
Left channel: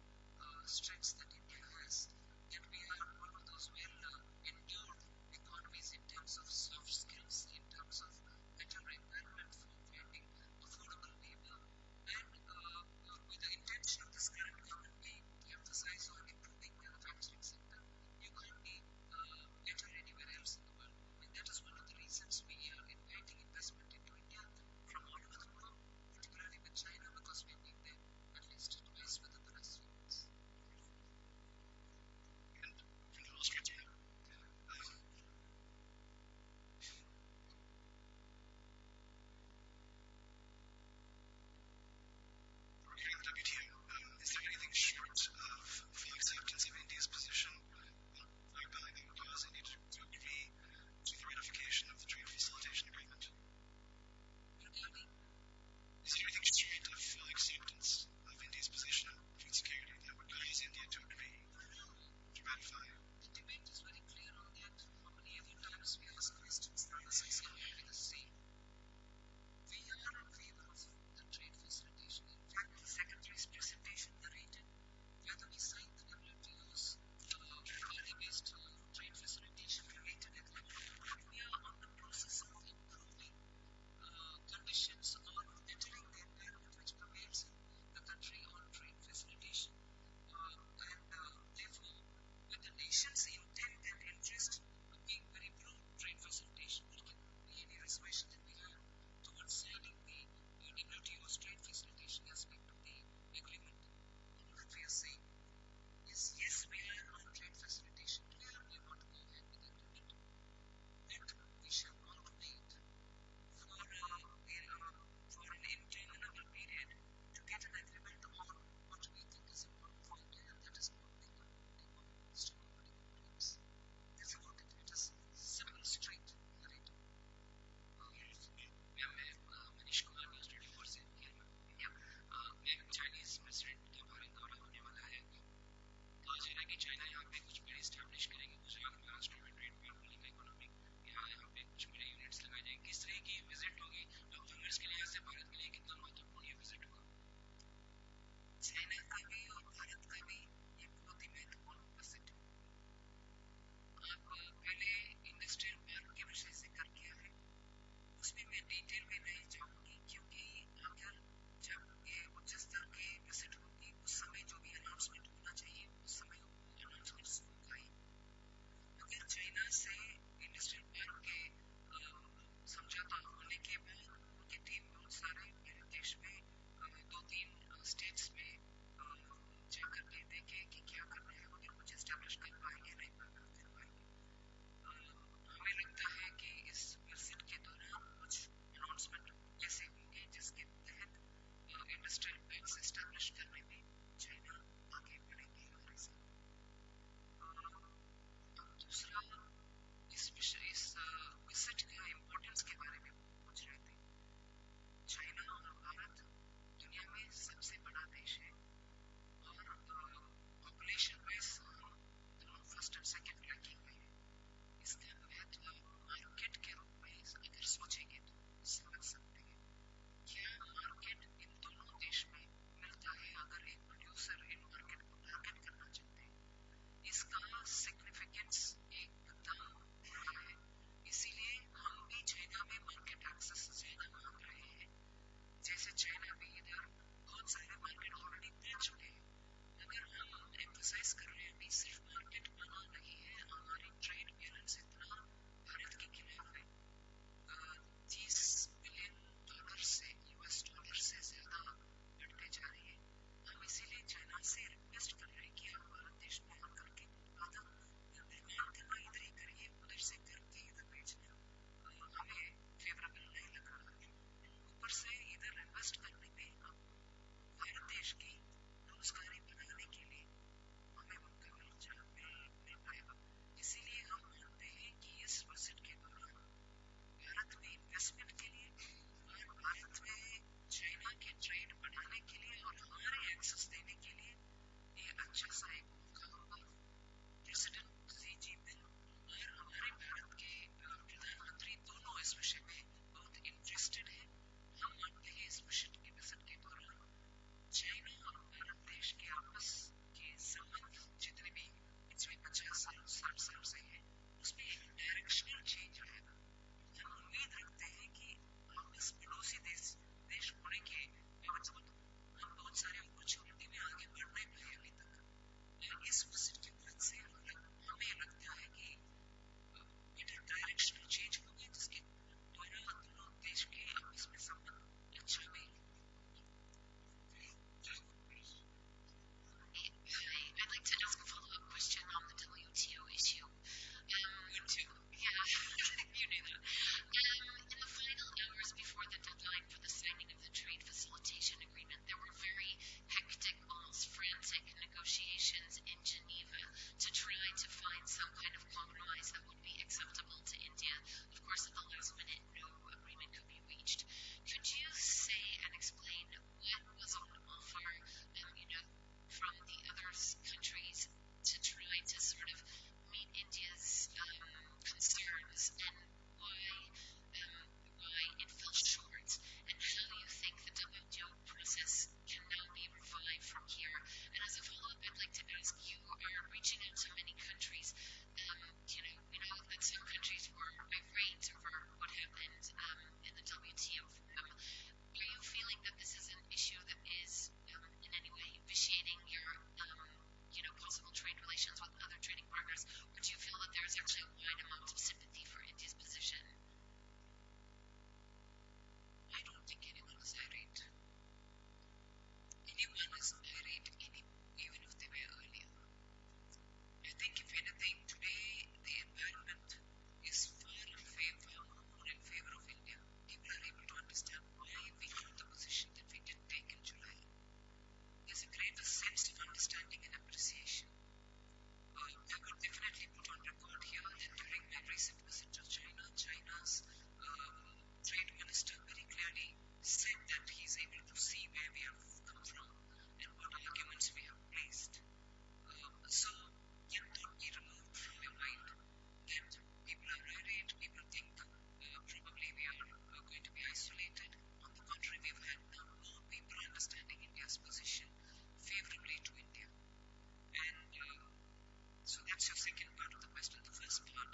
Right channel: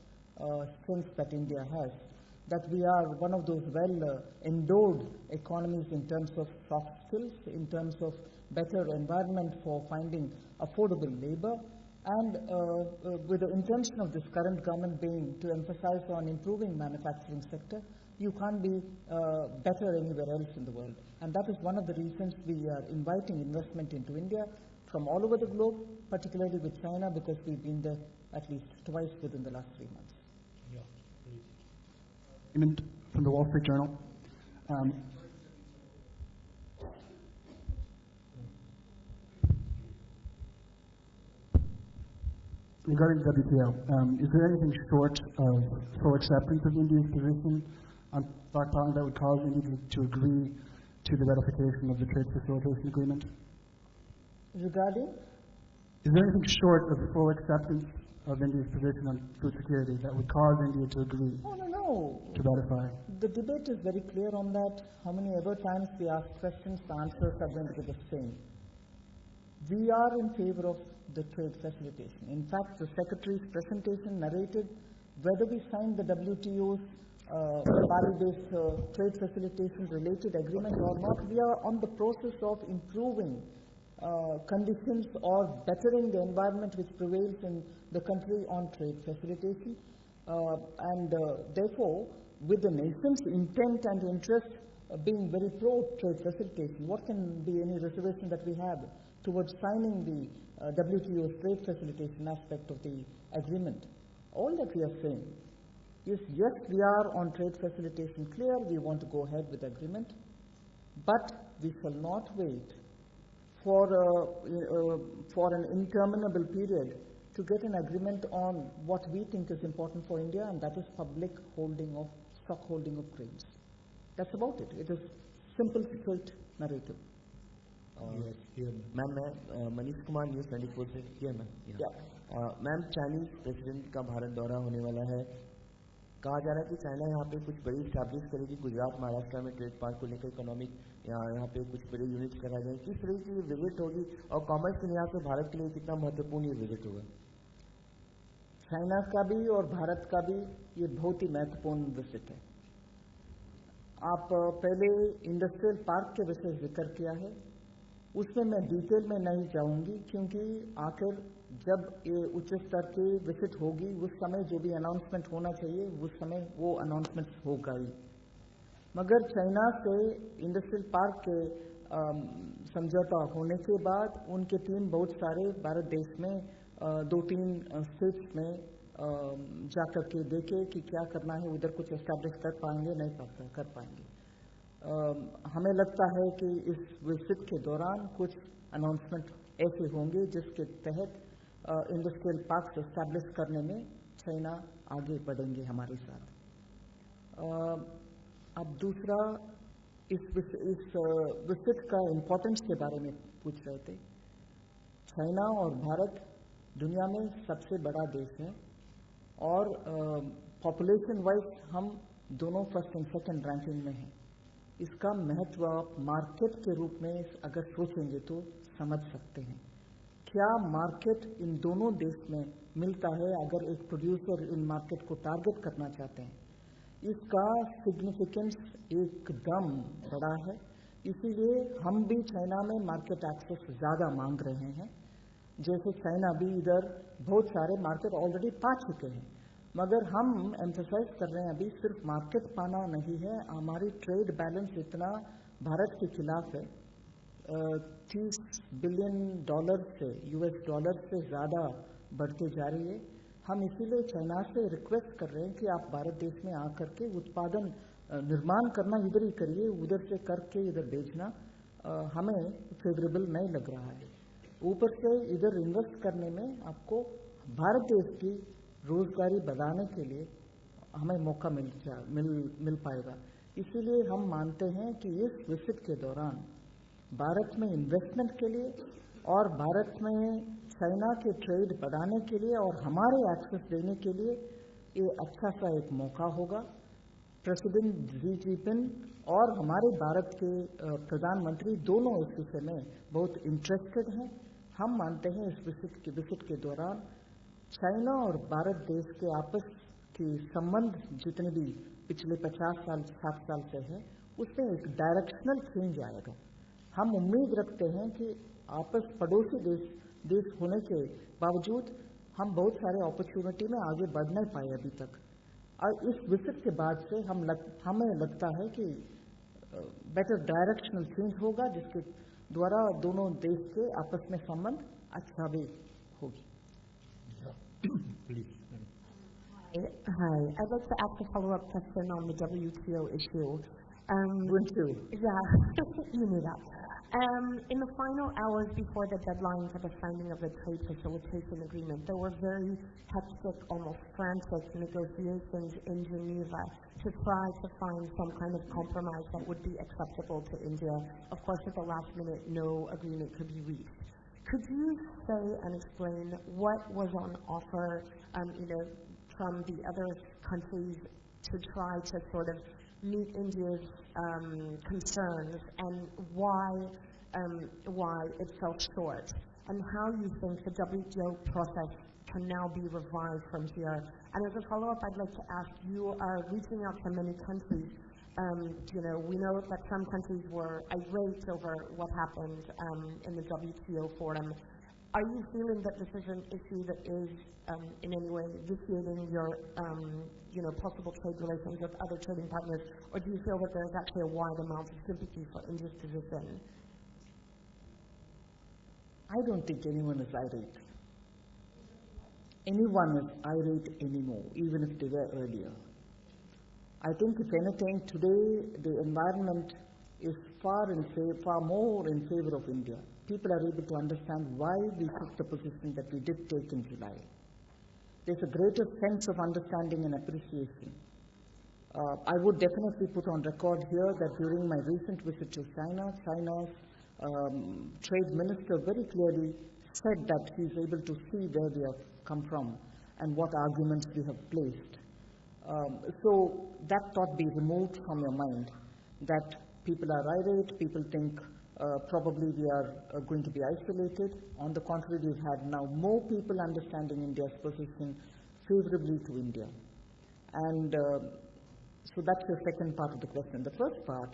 strengths that India has, that we are one of those well-endowed economies in terms of soft skills, in terms of better environment for finding affordable labor, and with the intention of this current government being to emphasize on improving manufacturing sector, you can't be better anywhere else in the world. And that is one of the reasons we are inviting investment into India from all over the globe, particularly with China, because we've been there at least twice within the last 3 months. From the Wall Street Journal. Regarding the WTO, is there anything short of full acceptance of India's position on stockpiling that would cause India to agree to the ratification of the trade facilitation agreement? Regarding? Is there anything short of full acceptance of India's position on food security that would cause India to agree to ratify? The debate is very clear on that. How many ever times we ask questions, the answers are going to be the same. We are in favor of the trade facilitation. In fact, the Secretary's presentation narrated whether we signed the WTO's barley-based trade facilitation related agreement or not, we are on the process of improving conditions or bettering the environment which prevails in the country on trade facilitation. Therefore, with the nation's intent and interest being very pro-trade facilitation, what can be any reservation that we have towards signing the WTO's trade facilitation aspect of the agreement? All that we are saying is, yes, we are on trade facilitation clear, we want to go ahead with the agreement, but we shall not wait for an interminable period to get an agreement on what we think is important for India, and that is public stock holding of grains. That's about it. It is simple, straight narrative. Yes, here. Ma'am मैं Manish Kumar news 24 से here ma'am ma'am Chinese president का भारत दौरा होने वाला है. कहा जा रहा है कि चाइना यहाँ पे कुछ बड़ी स्टैब्लिश करेगी. गुजरात महाराष्ट्र में ट्रेड पार्क को लेकर इकोनॉमिक यहाँ पे कुछ बड़े यूनिट्स लगाए जाएंगे. किस तरह की विजिट होगी और कॉमर्स के लिहाज से भारत के लिए कितना महत्वपूर्ण ये विजिट होगा? चाइना का भी और भारत का भी ये बहुत ही महत्वपूर्ण विजिट है. आप पहले इंडस्ट्रियल पार्क के विषय जिक्र किया है, उसमें मैं डिटेल में नहीं जाऊंगी, क्योंकि आखिर जब ये उच्च स्तर के विजिट होगी उस समय जो भी अनाउंसमेंट होना चाहिए उस समय वो अनाउंसमेंट्स होगा ही. मगर चाइना से इंडस्ट्रियल पार्क के समझौता होने के बाद उनके टीम बहुत सारे भारत देश में 2-3 स्टेट्स में जाकर के देखे कि क्या करना है, उधर कुछ एस्टैब्लिश कर पाएंगे नहीं कर पाएंगे. हमें लगता है कि इस विजिट के दौरान कुछ अनाउंसमेंट ऐसे होंगे जिसके तहत इंडस्ट्रियल पार्क्स एस्टैब्लिश करने में चाइना आगे बढ़ेंगे हमारे साथ. अब दूसरा, इस विजिट का इम्पोर्टेंस के बारे में पूछ रहे थे. चाइना और भारत दुनिया में सबसे बड़ा देश है और पॉपुलेशन वाइज हम दोनों फर्स्ट एंड सेकंड रैंकिंग में हैं. इसका महत्व आप मार्केट के रूप में अगर सोचेंगे तो समझ सकते हैं. क्या मार्केट इन दोनों देश में मिलता है अगर एक प्रोड्यूसर इन मार्केट को टारगेट करना चाहते हैं? इसका सिग्निफिकेंस एकदम बड़ा है. इसीलिए हम भी चाइना में मार्केट एक्सेस ज़्यादा मांग रहे हैं. जैसे चाइना भी इधर बहुत सारे मार्केट ऑलरेडी पा चुके हैं, मगर हम एम्फसाइज कर रहे हैं अभी सिर्फ मार्केट पाना नहीं है, हमारी ट्रेड बैलेंस इतना भारत के खिलाफ है, $30 बिलियन से US$ से ज़्यादा बढ़ते जा रही है। हम इसीलिए चाइना से रिक्वेस्ट कर रहे हैं कि आप भारत देश में आकर के उत्पादन निर्माण करना इधर ही करिए, उधर से करके इधर बेचना हमें फेवरेबल नहीं लग रहा है। ऊपर से इधर इन्वेस्ट करने में आपको भारत देश की रोजगारी बढ़ाने के लिए हमें मौका मिल पाएगा। इसीलिए हम मानते हैं कि इस विजिट के दौरान भारत में इन्वेस्टमेंट के लिए और भारत में चाइना के ट्रेड बढ़ाने के लिए और हमारे एक्सेस देने के लिए ये अच्छा सा एक मौका होगा। प्रेसिडेंट जी जिनपिंग और हमारे भारत के प्रधानमंत्री दोनों इस विषय में बहुत इंटरेस्टेड हैं। हम मानते हैं इस विजिट के दौरान चाइना और भारत देश के आपस के संबंध जितने भी पिछले 50 साल 60 साल से हैं उसमें एक डायरेक्शनल चेंज आएगा। हम उम्मीद रखते हैं कि आपस पड़ोसी देश होने के बावजूद हम बहुत सारे अपॉर्चुनिटी में आगे बढ़ नहीं पाए अभी तक, और इस विजिट के बाद से हमें लगता है कि बेटर डायरेक्शनल चेंज होगा, जिसके द्वारा दोनों देश के आपस में संबंध अच्छा भी होगी। Please. Hi. I'd like to ask a follow-up question on the WTO issue. Wouldn't you? Yeah, you knew that. In the final hours before the deadline for the signing of the trade facilitation agreement, there were very hectic, almost frantic negotiations in Geneva to try to find some kind of compromise that would be acceptable to India. Of course, at the last minute, no agreement could be reached. Could you say and explain what was on offer, from the other countries to try to sort of meet India's concerns, and why it fell short, and how you think the WTO process can now be revived from here? And as a follow-up, I'd like to ask, you are reaching out to many countries. We know that some countries were irate over what happened in the WTO forum. Are you feeling that this is an issue that is in any way vitiating your possible trade relations with other trading partners, or do you feel that there's actually a wide amount of sympathy for India's position? I don't think anyone is irate. Anyone is irate anymore, even if they were earlier. I think, if anything, today the environment is far more in favor of India. People are able to understand why we took the position that we did take in July. There's a greater sense of understanding and appreciation. I would definitely put on record here that during my recent visit to China, China's trade minister very clearly said that he's able to see where we have come from and what arguments we have placed. So that thought be removed from your mind, that people are irate, people think probably we are going to be isolated. On the contrary, we've had now more people understanding India's position favorably to India. And so that's your second part of the question. The first part,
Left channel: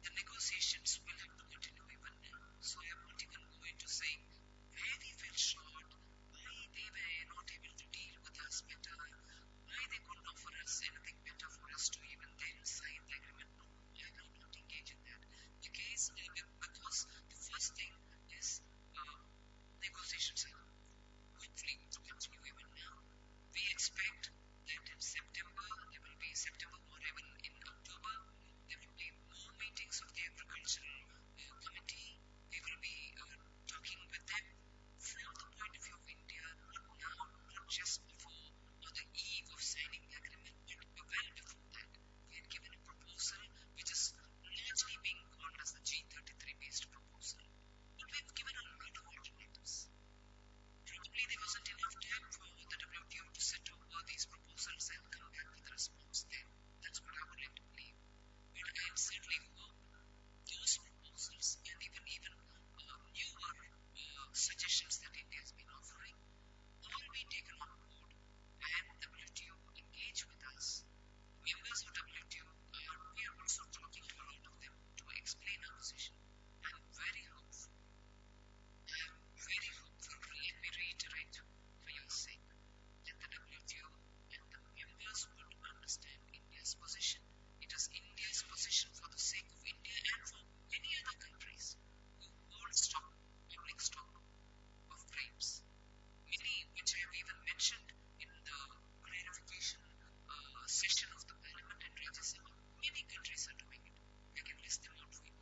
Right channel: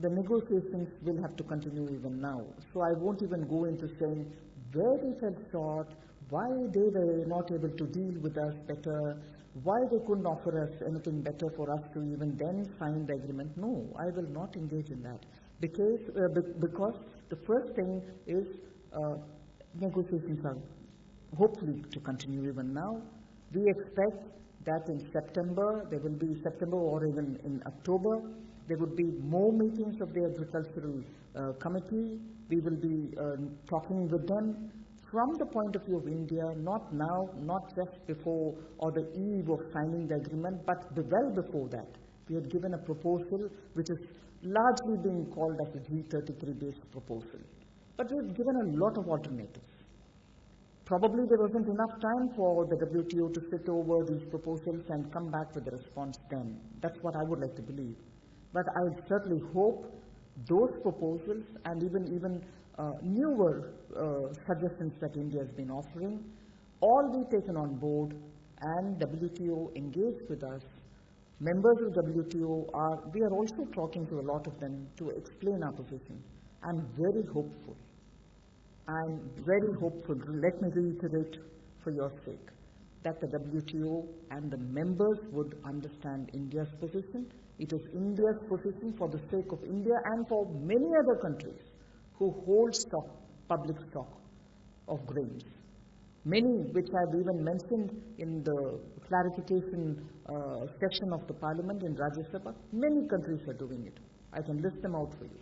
the negotiations will have to continue even now. So I won't even go into saying where we fell short, why they were not able to deal with us better, why they couldn't offer us anything better for us to even then sign the agreement. No, I will not engage in that. Because the first thing is negotiations are hopefully to continue even now. We expect that in September, there will be September or even in October, there would be more meetings of the Agricultural Committee. We will be talking with them from the point of view of India, not now, not just before or the eve of signing the agreement, but well before that. We had given a proposal which is largely being called as the G33 based proposal. But we've given a lot of alternatives. Probably there wasn't enough time for the WTO to sit over these proposals and come back with a response then. That's what I would like to believe. But I certainly hope those proposals and even newer suggestions that India has been offering all be taken on board and WTO engage with us. Members of WTO we are also talking to a lot of them to explain our position. I'm very hopeful I'm very hopeful, let me reiterate for your sake, that the WTO and the members would understand India's position. It is India's position for the sake of India and for many other countries who hold stock, public stock of grains. Many, which I've even mentioned in the clarification session of the Parliament in Rajya Sabha, many countries are doing it. I can list them out for you.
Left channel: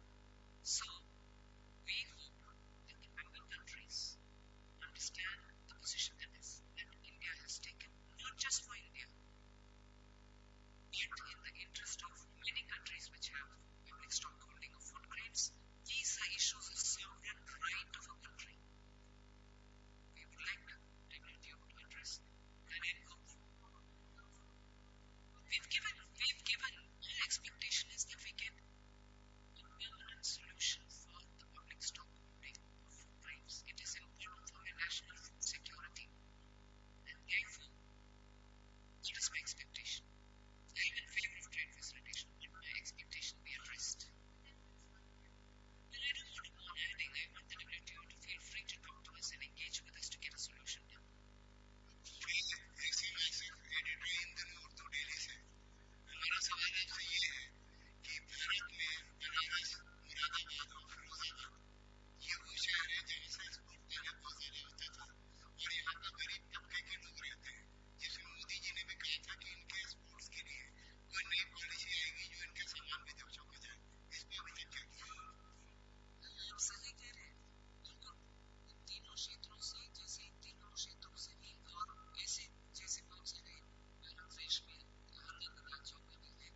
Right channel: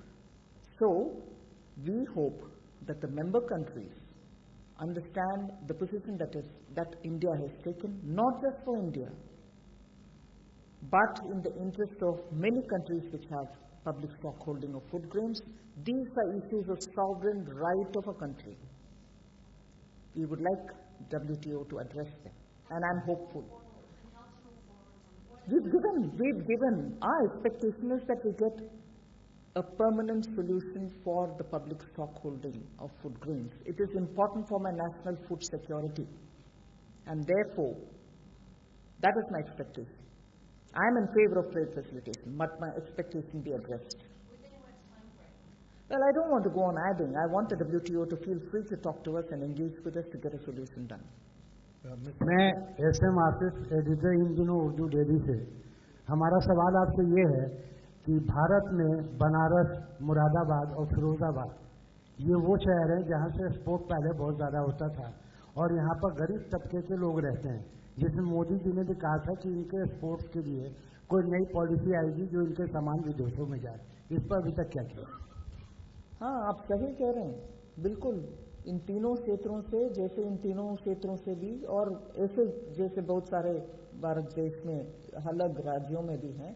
So, we hope that the member countries understand the position that India has taken, not just for India, but in the interest of many countries which have public stock holding of food grains. These are issues of sovereign right of a country. We would like WTO to address them, and I'm hopeful. We've given, our expectation is that we get a permanent solution for the public stock holding of food grains. It is important for my national food security, and therefore, that is my expectation. I am in favor of trade facilitation, but my expectation be addressed. Well, I don't want to go on adding. I want the WTO to feel free to talk to us and engage with us to get a solution done. मैं SM Asif editor in दिनों Urdu daily से, हमारा सवाल आपसे ये है कि भारत में बनारस, मुरादाबाद और फिरोजाबाद ये वो शहर हैं जहाँ से एक्सपोर्ट पहले बहुत ज़्यादा होता था और यहाँ पर गरीब तबके के लोग रहते हैं, जिसमें मोदी जी ने भी कहा था कि इनके एक्सपोर्ट्स के लिए कोई नई पॉलिसी आएगी जो इनके सामान विदेशों में जाए. इस पर अभी तक क्या किया? हाँ, आप सही कह रहे हैं, बिल्कुल. इन तीनों क्षेत्रों से, जैसे इन तीनों क्षेत्रों से भी, और ऐसे जैसे बहुत सारे भारत देश में अलग राज्यों में भी हैं,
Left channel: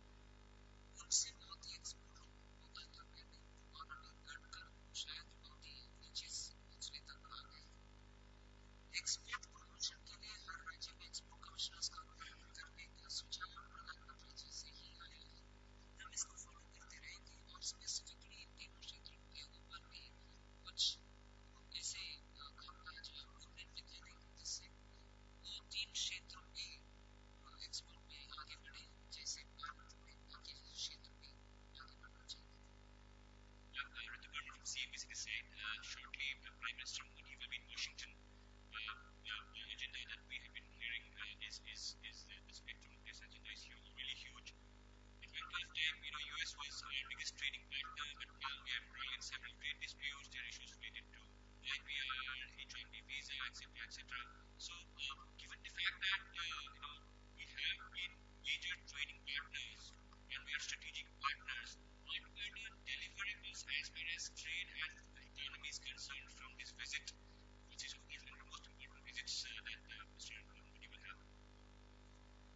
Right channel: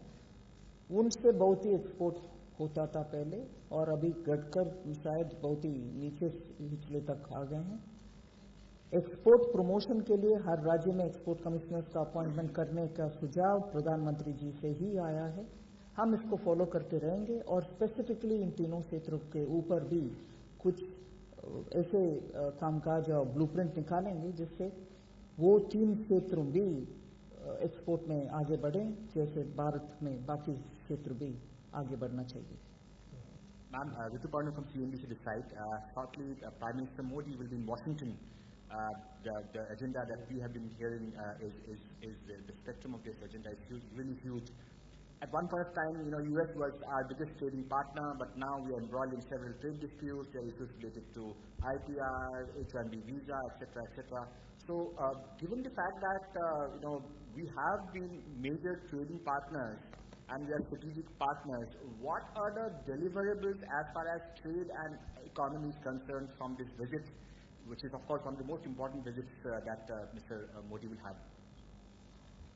उनसे बहुत ही एक्सपोर्ट होता था पहले, और अभी घटकर शायद बहुत ही नीचे निचले तक आ गए हैं. एक्सपोर्ट प्रमोशन के लिए हर राज्य में एक्सपोर्ट कमिश्नर्स का अपॉइंटमेंट करने का सुझाव प्रधानमंत्री जी से ही आया है. हम इसको फॉलो करते रहेंगे और स्पेसिफिकली इन तीनों क्षेत्रों के ऊपर भी कुछ ऐसे कामकाज और ब्लूप्रिंट निकालेंगे जिससे वो तीन क्षेत्र भी एक्सपोर्ट में आगे बढ़ें, जैसे भारत में बाकी क्षेत्र भी आगे बढ़ना चाहिए. Ma'am, Ritu Parner from CNBC Decide. Shortly, Prime Minister Modi will be in Washington. The agenda that we have been hearing is the spectrum of this agenda is huge, really huge. At one point of time, US was our biggest trading partner, but now we are embroiled in several trade disputes. There are issues related to IPR, H-1B visa, etc., etc. So, given the fact that we have been major trading partners and we are strategic partners, what are the deliverables as far as trade and economy is concerned from this visit, which is of course one of the most important visits that Mr. Modi will have?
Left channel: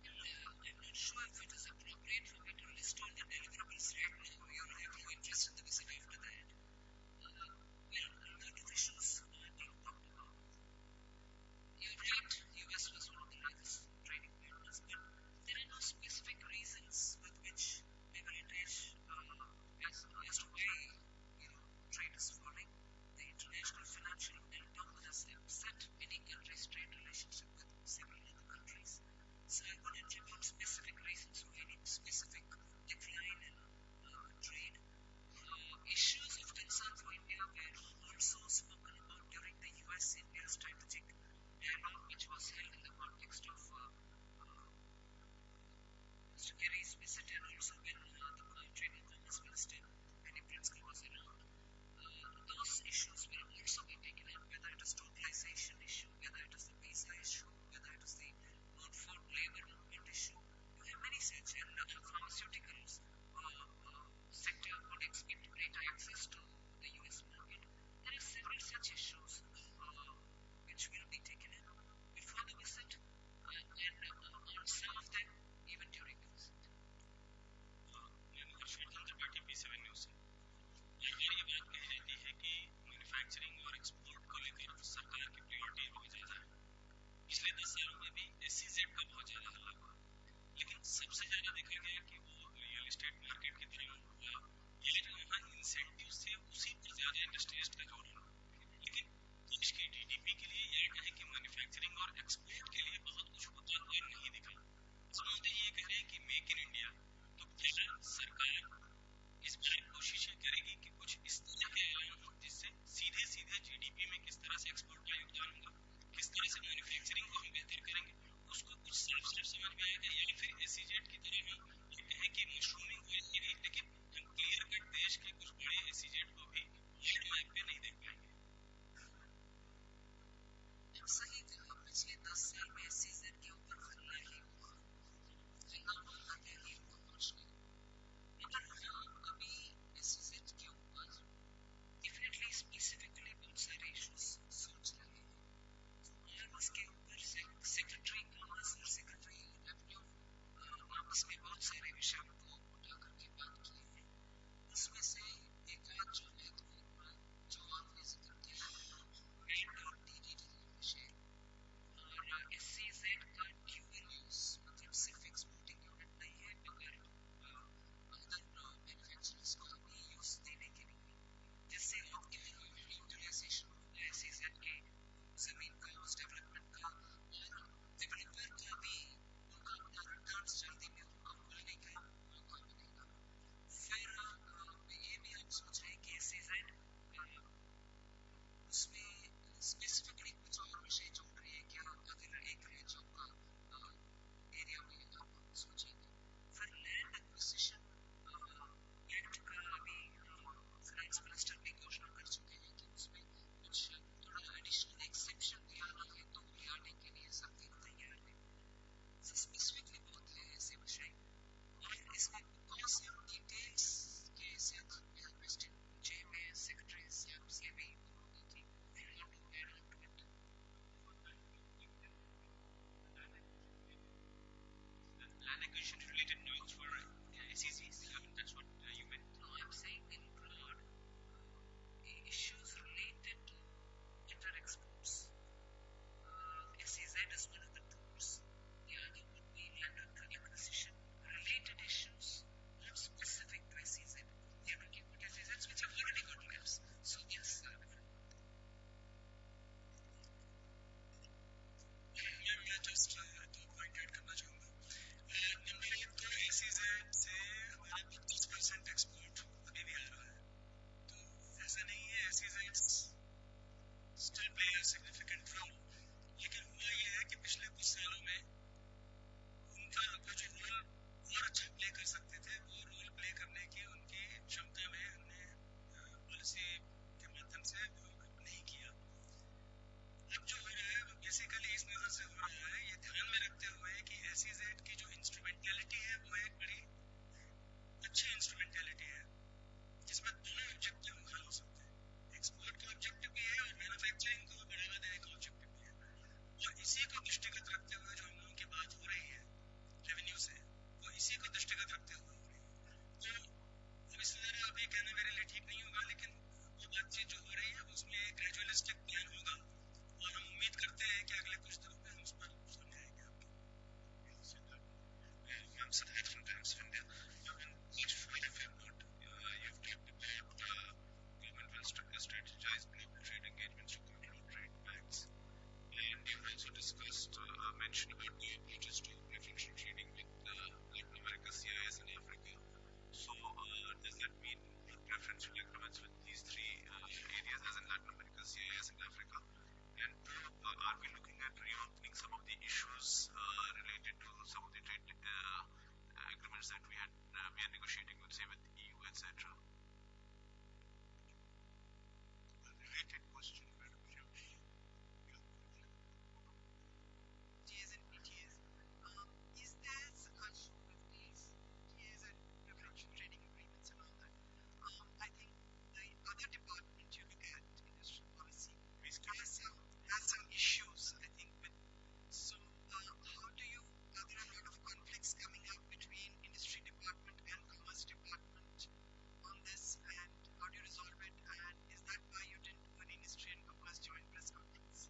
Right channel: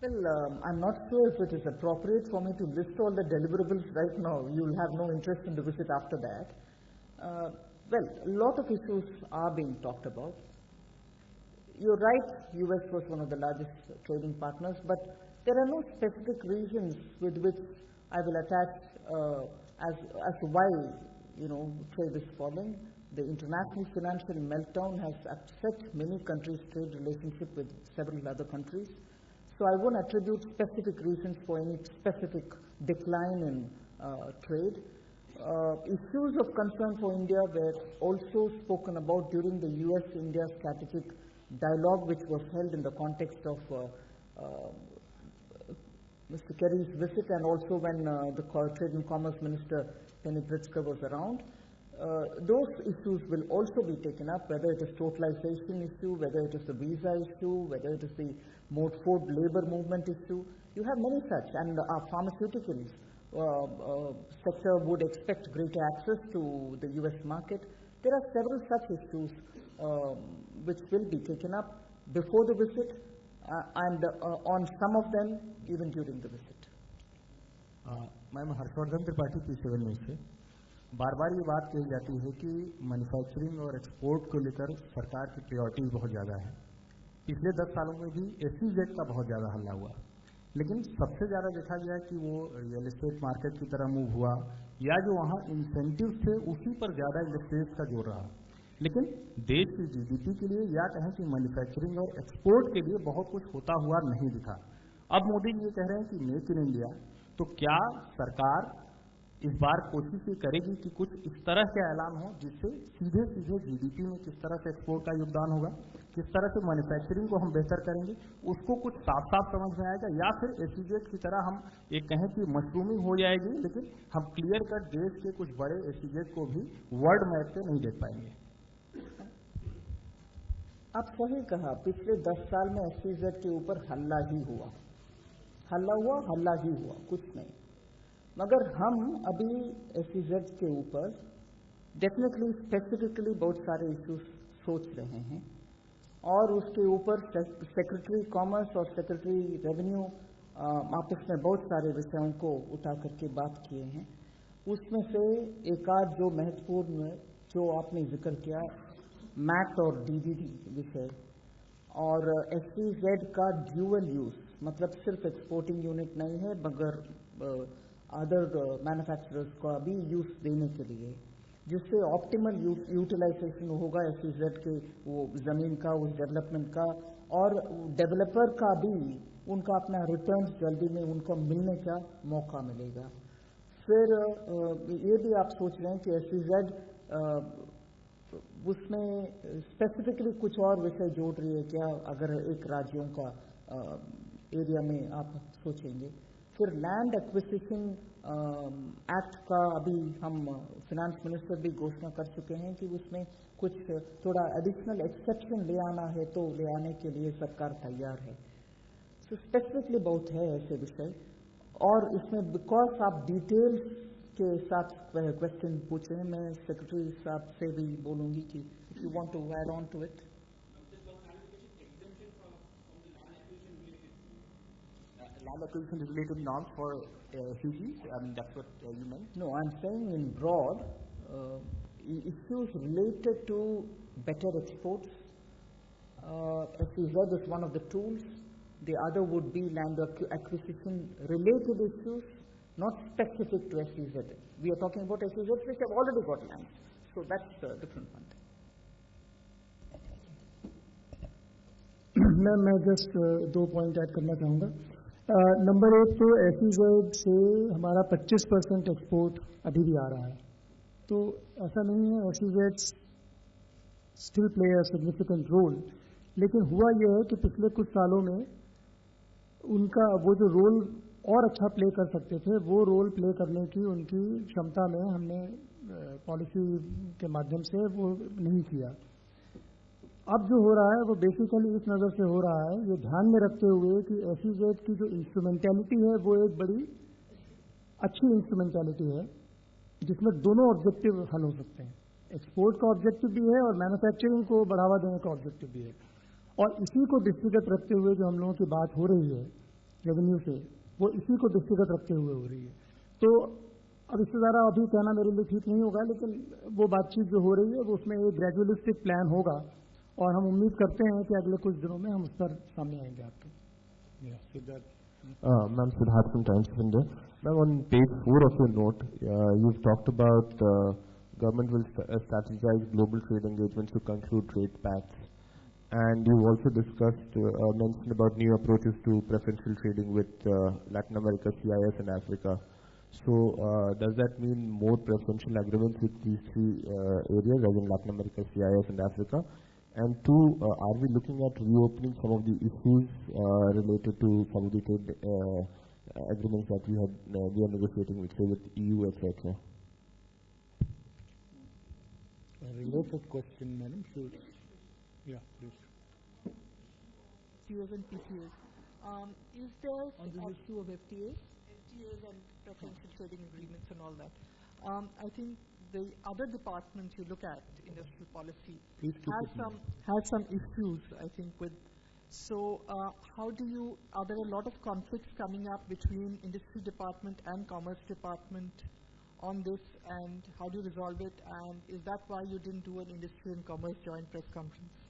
Well, I'm not sure if it is appropriate for me to list all the deliverables right now. You'll have no interest in the visit after that. Well, a lot of issues are being talked about. You're right, US was one of the largest trading partners, but there are no specific reasons with which I will attach as to why trade is falling. The international financial meltdown has upset many countries' trade relationship with several other countries. So I won't attribute specific reasons for any specific decline in trade. Issues of concern for India were also spoken about during the US-India strategic dialogue, which was held in the context of Mr. Kerry's visit, and also when the Trade and Commerce Minister Penny Pritzker was around. Those issues will also be taken up, whether it is totalization issue, whether it is the visa issue, whether it is the Mode 4 labor movement issue. You have many such, and our pharmaceuticals sector would expect greater access to the US market. There are several such issues which will be taken up before the visit and on some of them even during the visit. Ma'am Harshvardhan Tripathi P7 news से. बार बार ये बात कही जाती है कि manufacturing और export को लेकर सरकार की प्रायोरिटीज बहुत ज़्यादा है. पिछले 10 सालों में भी SEZ का बहुत ज़्यादा हल्ला हुआ, लेकिन सबसे ज़्यादा देखा गया कि वो रियल एस्टेट मार्केट की तरह मूव हुआ, या जो वहाँ इंसेंटिव्स थे उसी पर ज़्यादा इंडस्ट्रियलिस्ट का जोर रहा. लेकिन देश की GDP के लिए या कहें कि मैन्युफैक्चरिंग और एक्सपोर्ट के लिए बहुत कुछ होता हुआ नहीं दिखा. अब मोदी जी ये कह रहे हैं कि मेक इन इंडिया, तो क्या सरकार इस बार कोशिश ये करेगी कि कुछ इस तरह के ऐलान हो जिससे सीधे सीधे जीडीपी में किस तरह से एक्सपोर्ट का योगदान होगा, किस तरह से मैन्युफैक्चरिंग को हम बेहतर करेंगे, उसको कुछ साफ साफ समझ में आएगा, या फिर एसईजेड की तरह हम एक कहें कि मशरूमिंग हो जाएगी, लेकिन हम क्लियर कट देश के कुछ बड़े एसईजेड को भी वर्ल्ड मैप पे नहीं देख पाएंगे। आप सही कहा, पिछले 10 साल में एसईजेड के ऊपर हल्ला ही हुआ, कुछ नहीं। मगर हम अभी एसईजेड के ऊपर डेफिनेटली स्पेसिफिकली बहुत सारे इश्यूज सोच रहे हैं, और उसके ऊपर सेक्रेटरी कॉमर्स और सेक्रेटरी रेवेन्यू आपस में बहुत सारे विषयों को उठा करके बात किए हैं। उसमें से एक आध जो महत्वपूर्ण जो आपने जिक्र किया, मैट और डीडीडी विषय, और एसईजेड का ड्यूअल यूज, मतलब सिर्फ एक्सपोर्टिंग यूनिट नहीं है मगर अदर मैन्युफैक्चरर्स का भी यूज देने के लिए, जिससे ऑप्टिमल यूटिलाइजेशन होगा एसईजेड के वो जमीन का, उस डेवलपमेंट का, और डेवलपर का भी उनका अपना रिटर्न्स जल्दी में उनको मिलने का मौका मिलेगा। फिर ये भी आप सोच रहे हैं कि एसईजेड उसमें स्पेसिफिकली कुछ और विषय जोड़ रही है क्या, अगर एक राज्यों का एरिया में आप सोचेंगे। फिर लैंड एक्विजिशन एक्ट का अभी हम फिनेंस मिनिस्टर भी घोषणा कर चुके हैं कि उसमें कुछ थोड़ा एडिशनल एक्सेप्शन ले आना है, तो ले आने के लिए सरकार तैयार है। सो स्पेसिफिकली बहुत है ऐसे विषय, और इसमें बिकॉज आप डिटेल्स के साथ क्वेश्चन पूछे हैं, मैं सेक्रेटरी साहब से भी बोलूंगी कि if you want to add on to it. Land acquisition related norms for SEZs? I mean, that's what you meant? No, I'm saying in broad issues related to better exports. SEZ is one of the tools. The other would be land acquisition related issues, not specific to SEZ. We are talking about SEZs which have already got lands. So that's a different one. मैं just 2 point add करना चाहूँगा। Number 1 तो SEZ से हमारा 25% export अभी भी आ रहा है, तो ऐसा नहीं है, SEZ still play a significant role, लेकिन हुआ यह है कि पिछले कुछ सालों में उनका वो जो रोल और अच्छा प्ले कर सकते थे, वो रोल प्ले करने की उनकी क्षमता में हमने पॉलिसी के माध्यम से वो नहीं किया। अब जो हो रहा है वो बेसिकली इस नज़र से हो रहा है, ये ध्यान में रखते हुए कि एसईजेड की जो इंस्ट्रूमेंटेलिटी है वो एक बड़ी अच्छी इंस्ट्रूमेंटेलिटी है, जिसमें दोनों ऑब्जेक्टिव हल हो सकते हैं। एक्सपोर्ट का ऑब्जेक्टिव भी है और मैन्युफैक्चरिंग को बढ़ावा देने का ऑब्जेक्टिव भी है, और इसी को दृष्टिगत रखते हुए जो हम लोगों की बात हो रही है रेवेन्यू से, वो इसी को दृष्टिगत रखते हुए हो रही है। तो अब इससे ज़्यादा अभी कहना मेरे लिए ठीक नहीं होगा, लेकिन वो बातचीत जो हो रही है वो उसमें एक ग्रेजुअलिस्टिक प्लान होगा, और हम उम्मीद करते हैं कि अगले कुछ दिनों में हम उस पर सामने आएंगे आपके। Ma'am, Siddharth from Times of India. Ma'am, on page 4 of your note, you've talked about government will strategize global trade engagements to conclude trade pacts, and you also discussed, mentioned about new approaches to preferential trading with Latin America, CIS, and Africa. So, does that mean more preferential agreements with these three areas, as in Latin America, CIS, and Africa? And 2, are we looking at reopening some of the issues related to some of the trade agreements that we are negotiating with, say, with EU, etc.? A related question, madam. Yeah, please. FTAs and PTAs. Is there on the issue of FTAs? FTAs and preferential trading agreements and all that. I think the other department you look at, industrial policy, has some issues, I think, with. So how do you, are there a lot of conflicts coming up between industry department and commerce department on this, and how do you resolve it, and is that why you didn't do an industry and commerce joint press conference?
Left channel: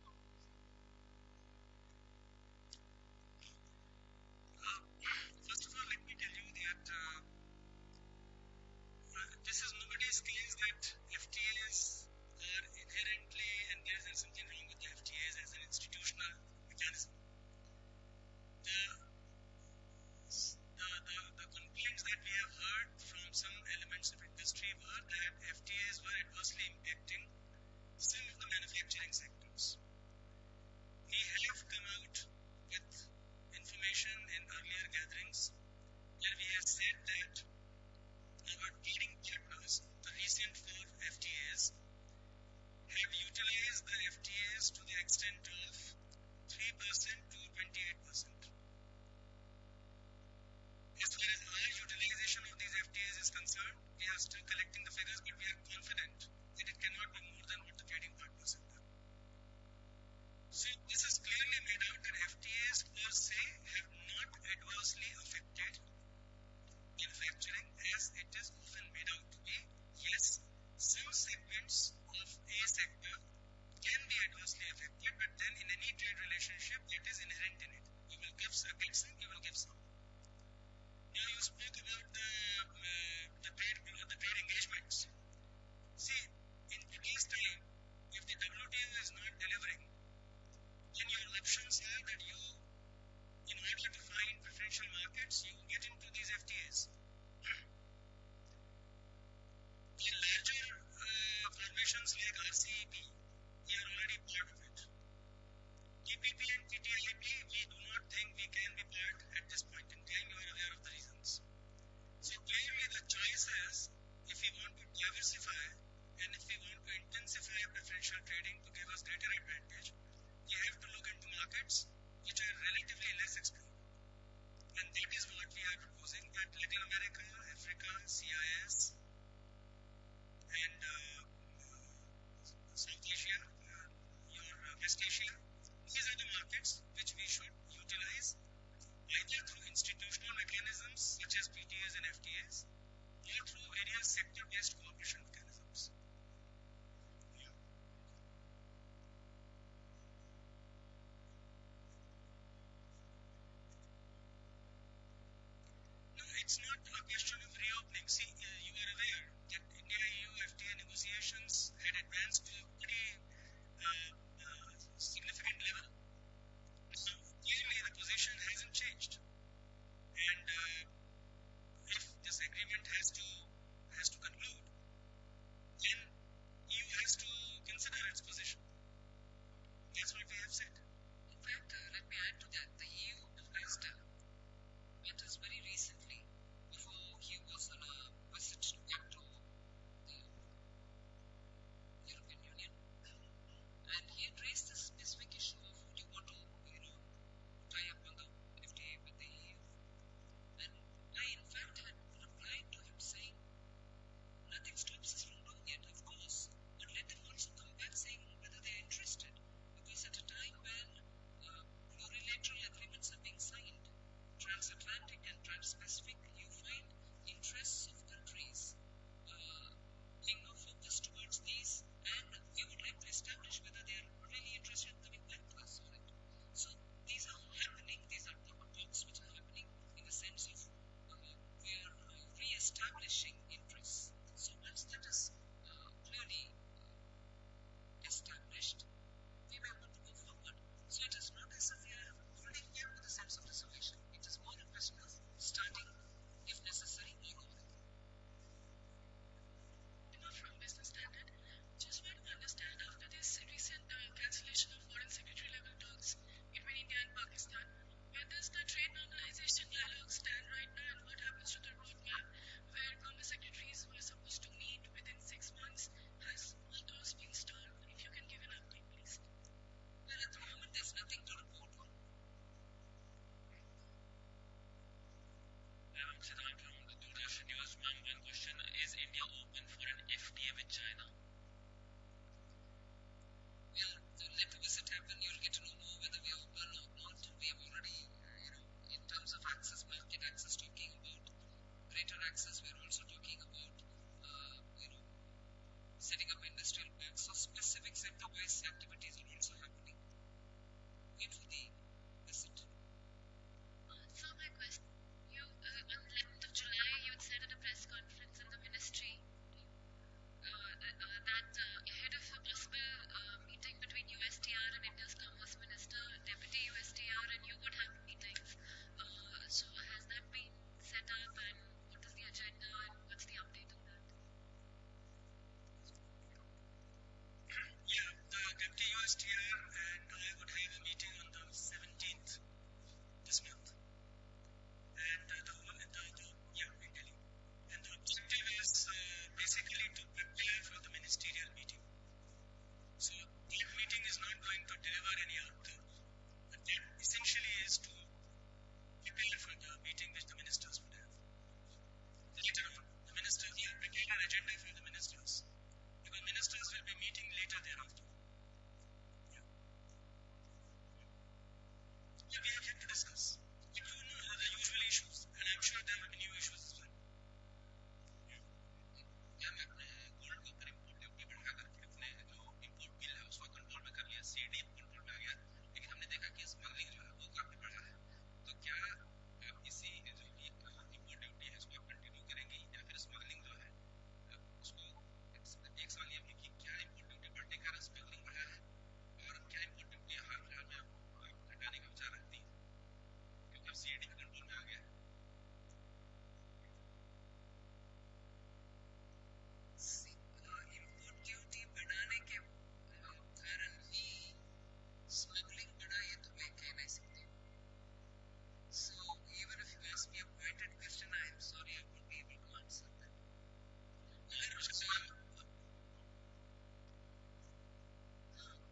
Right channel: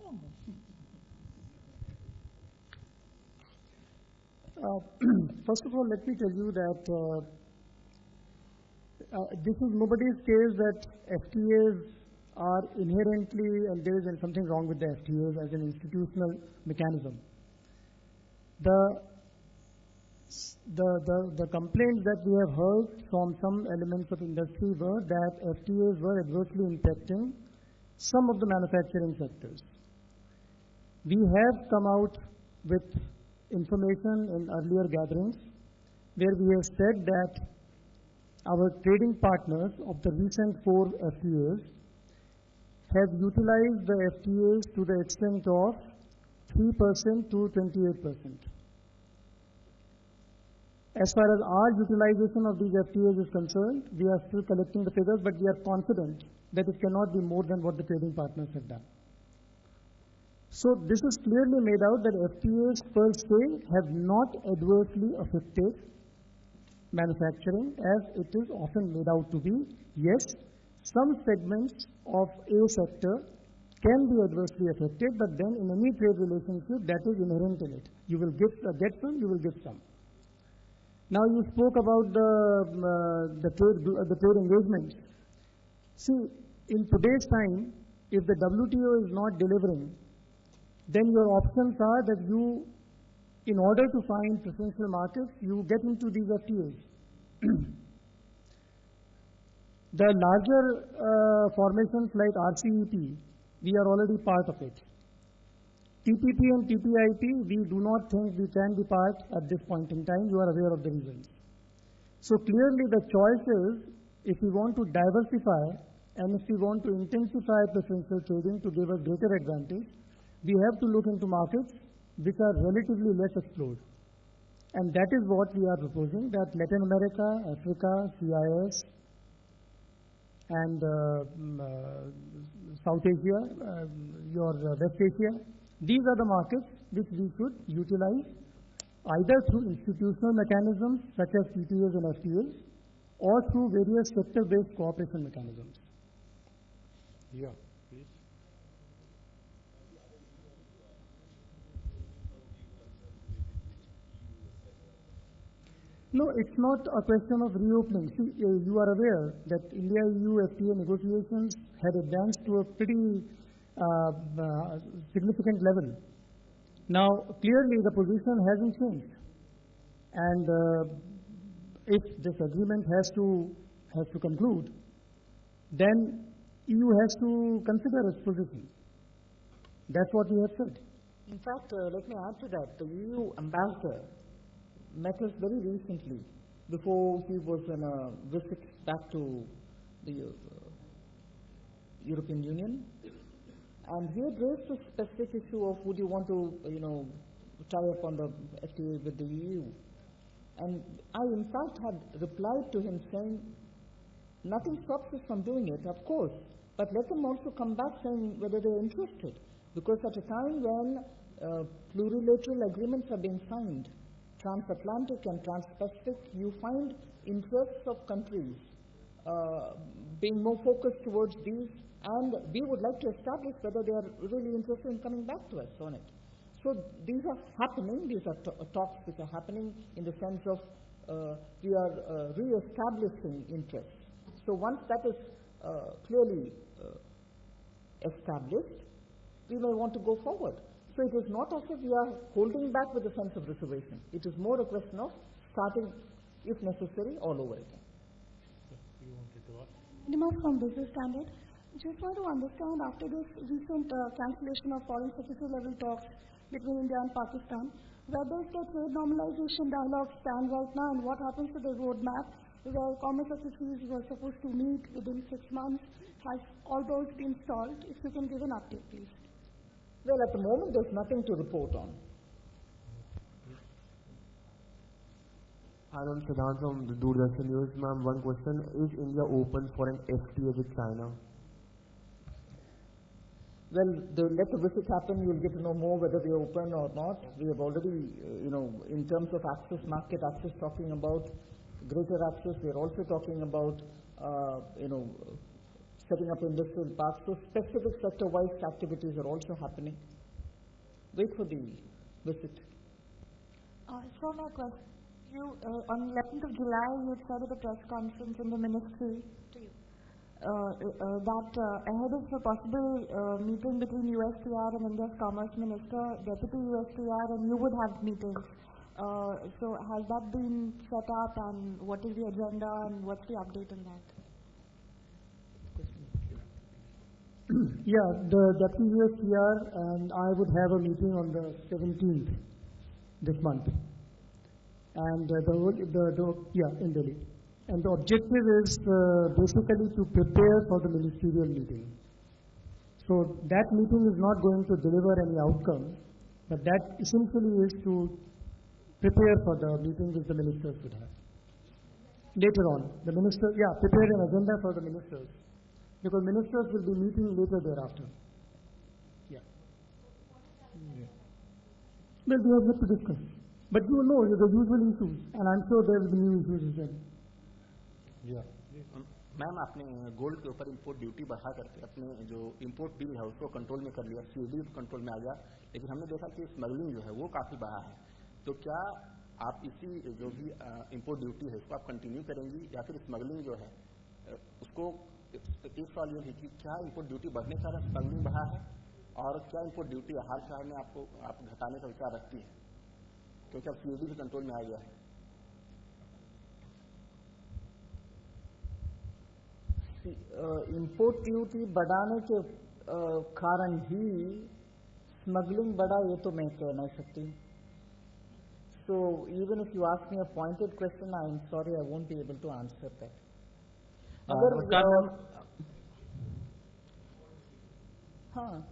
First of all, let me tell you that this is nobody's case that FTAs are inherently, and there is something wrong with the FTAs as an institutional mechanism. The The complaints that we have heard from some elements of industry were that FTAs were adversely impacting some of the manufacturing sectors. We have come out with information in earlier gatherings where we have said that our trading partners of the recent 4 FTAs have utilized the FTAs to the extent of 3% to 28%. As far as our utilization of these FTAs is concerned, we are still collecting the figures, but we are confident that it cannot be more than what the trading partners have done. So this is clearly made out that FTAs per se have not adversely affected manufacturing as it is often made out to be. Yes, some segments of a sector can be adversely affected, but then in any trade relationship that is inherent in it. You will get some, you will give some. Now you spoke about the trade engagements. See, in today's time, if the WTO is not delivering, then your options are that you, in order to find preferential markets, you get into these FTAs. The larger formations like RCEP, we are already part of it. TPP and TTIP, we do not think we can be part at this point in time. You are aware of the reasons. So clearly the choice is, if we want to diversify and if we want to intensify preferential trading to give us greater advantage, we have to look into markets which are relatively less explored. And that is what we are proposing, that Latin America, Africa, CIS, and South Asia, West Asia, these are the markets which we should utilize either through institutional mechanisms such as PTAs and FTAs or through various sector-based cooperation mechanisms. Yeah, please. No, it's not a question of reopening. See, you are aware that India-EU FTA negotiations had advanced to a pretty significant level. Now, clearly the position hasn't changed. And if this agreement has to conclude, then EU has to consider its position. That's what we have said. In fact, let me add to that. The EU ambassador met us very recently before he was on a visit back to the European Union. And he had raised this specific issue of would you want to, tie up on the FTA with the EU. And I, in fact, had replied to him saying, nothing stops us from doing it, of course, but let them also come back saying whether they're interested. Because at a time when plurilateral agreements are being signed, transatlantic and trans-Pacific, you find interests of countries being more focused towards these, and we would like to establish whether they are really interested in coming back to us on it. So these are happening, these are talks which are happening in the sense of we are re-establishing interests. So once that is clearly established, we may want to go forward. So it is not as if we are holding back with a sense of reservation. It is more a question of starting, if necessary, all over again. Nima from Business Standard. Just want to understand, after this recent cancellation of foreign secretary level talks between India and Pakistan, where does the trade normalization dialogue stand right now, and what happens to the roadmap where commerce secretaries were supposed to meet within 6 months? Has all those been stalled? If you can give an update, please. Well, at the moment, there's nothing to report on. Hi, ma'am. Siddhant from the Doordarshan News. Ma'am, one question. Is India open for an FTA with China? Well, let the visit happen. You'll get to know more whether we are open or not. We have already, in terms of access, market access, talking about greater access. We are also talking about, setting up industrial parks. So specific sector-wise activities are also happening. Wait for the visit. So my question, on 11th of July, you had said at a press conference in the ministry that ahead of a possible meeting between USTR and India's Commerce Minister, Deputy USTR and you would have meetings. So has that been set up, and what is the agenda, and what's the update on that? Yeah, the Deputy USTR and I would have a meeting on the 17th this month, and in Delhi. And the objective is basically to prepare for the ministerial meeting. So that meeting is not going to deliver any outcome, but that essentially is to prepare for the meeting which the ministers would have. Later on, the ministers, prepare an agenda for the ministers, because ministers will be meeting later thereafter. Well, we have yet to discuss. But you know the usual issues, and I'm sure there will be new issues as well. Ma'am आपने gold के ऊपर import duty बढ़ा करके अपने जो import bill है उसको control में कर लिया, सीडी कंट्रोल में आ गया, लेकिन हमने देखा कि स्मगलिंग जो है वो काफ़ी बढ़ा है. तो क्या आप इसी जो भी इंपोर्ट ड्यूटी है इसको आप कंटिन्यू करेंगी, या फिर स्मगलिंग जो है उसको, एक सवाल ये भी कि क्या इंपोर्ट ड्यूटी बढ़ने के कारण स्मगलिंग बढ़ा है, और क्या इंपोर्ट ड्यूटी हाल फिलहाल में आप घटाने का विचार रखती है, क्योंकि अब सीएडी भी कंट्रोल में आ गया है. इंपोर्ट ड्यूटी बढ़ाने के कारण ही स्मगलिंग बढ़ा, ये तो मैं कह नहीं सकती हूँ. So even if you ask me a pointed question, I am sorry, I won't be able to answer that. अगर नमस्कार मैम. हाँ,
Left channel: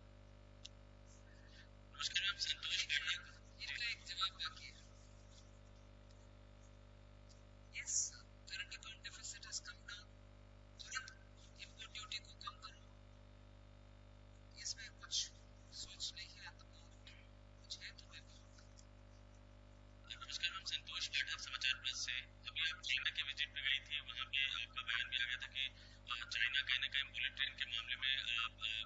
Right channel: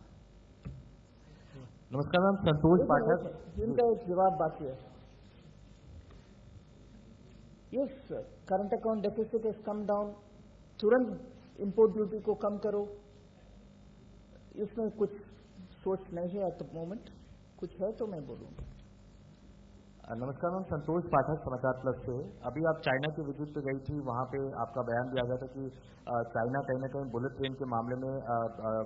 नमस्कार मैम, संतोष पाठक. इनका एक जवाब बाकी है. Yes, current account deficit has come down. तुरंत इंपोर्ट ड्यूटी को कम करो, इसमें कुछ सोच नहीं है एट द मोमेंट. कुछ है तो मैं बोलूँगा. नमस्कार मैम, संतोष पाठक, समाचार प्लस से. अभी आप चाइना के विजिट पे गई थी, वहाँ पे आपका बयान भी आ गया था कि चाइना कहीं ना कहीं बुलेट ट्रेन के मामले में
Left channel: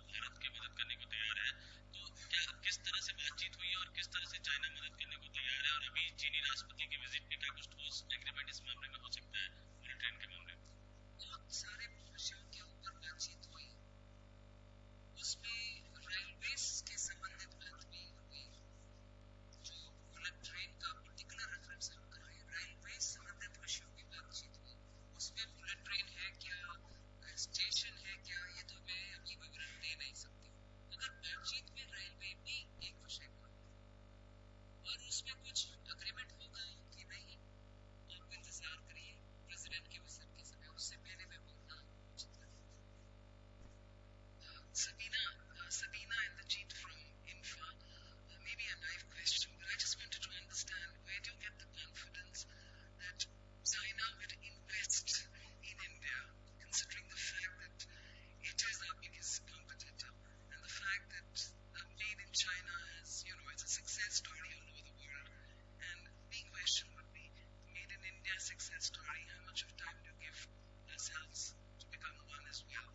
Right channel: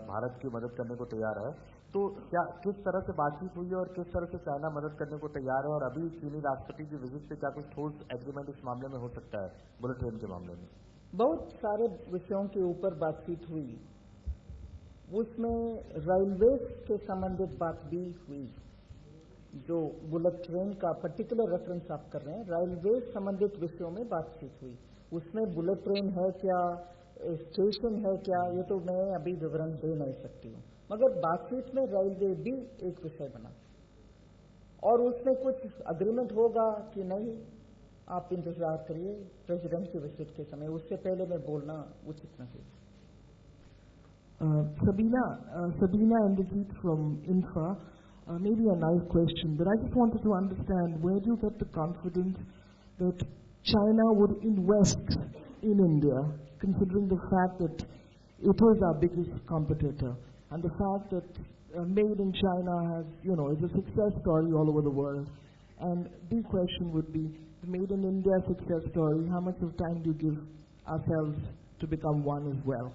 भारत की मदद करने को तैयार है. तो क्या किस तरह से बातचीत हुई है और किस तरह से चाइना मदद करने को तैयार है, और अभी चीनी राष्ट्रपति की विजिट पे क्या कुछ ठोस एग्रीमेंट इस मामले में हो सकता है, बुलेट ट्रेन के मामले में? बहुत सारे विषयों के ऊपर बातचीत हुई. उसमें रेलवेज के संबंधित बात भी हुई. जो बुलेट ट्रेन का पर्टिकुलर रेफरेंस आप कर रहे हैं, रेलवेज संबंधित विषयों में बातचीत हुई. उसमें बुलेट ट्रेन है क्या, स्टेशन है क्या, ये तो मैं अभी विवरण दे नहीं सकती हूँ. मगर बातचीत में रेलवे भी एक विषय बना, और उसमें कुछ अग्रीमेंट होगा कि नहीं, आप इंतजार करिए प्रेसिडेंट की विजिट के समय. उससे पहले मैं बोलना उचित नहीं. Sabina Inderjeet from INFA. Maybe a naive question, but I just wanted to understand, where do you get the confidence that China would invest in India, considering the fact that it is our biggest competitor, and the fact that Made in China has, it's a success story all over the world. And the question would be, the Made in India success story, how much of time do you give ourselves to become one as well?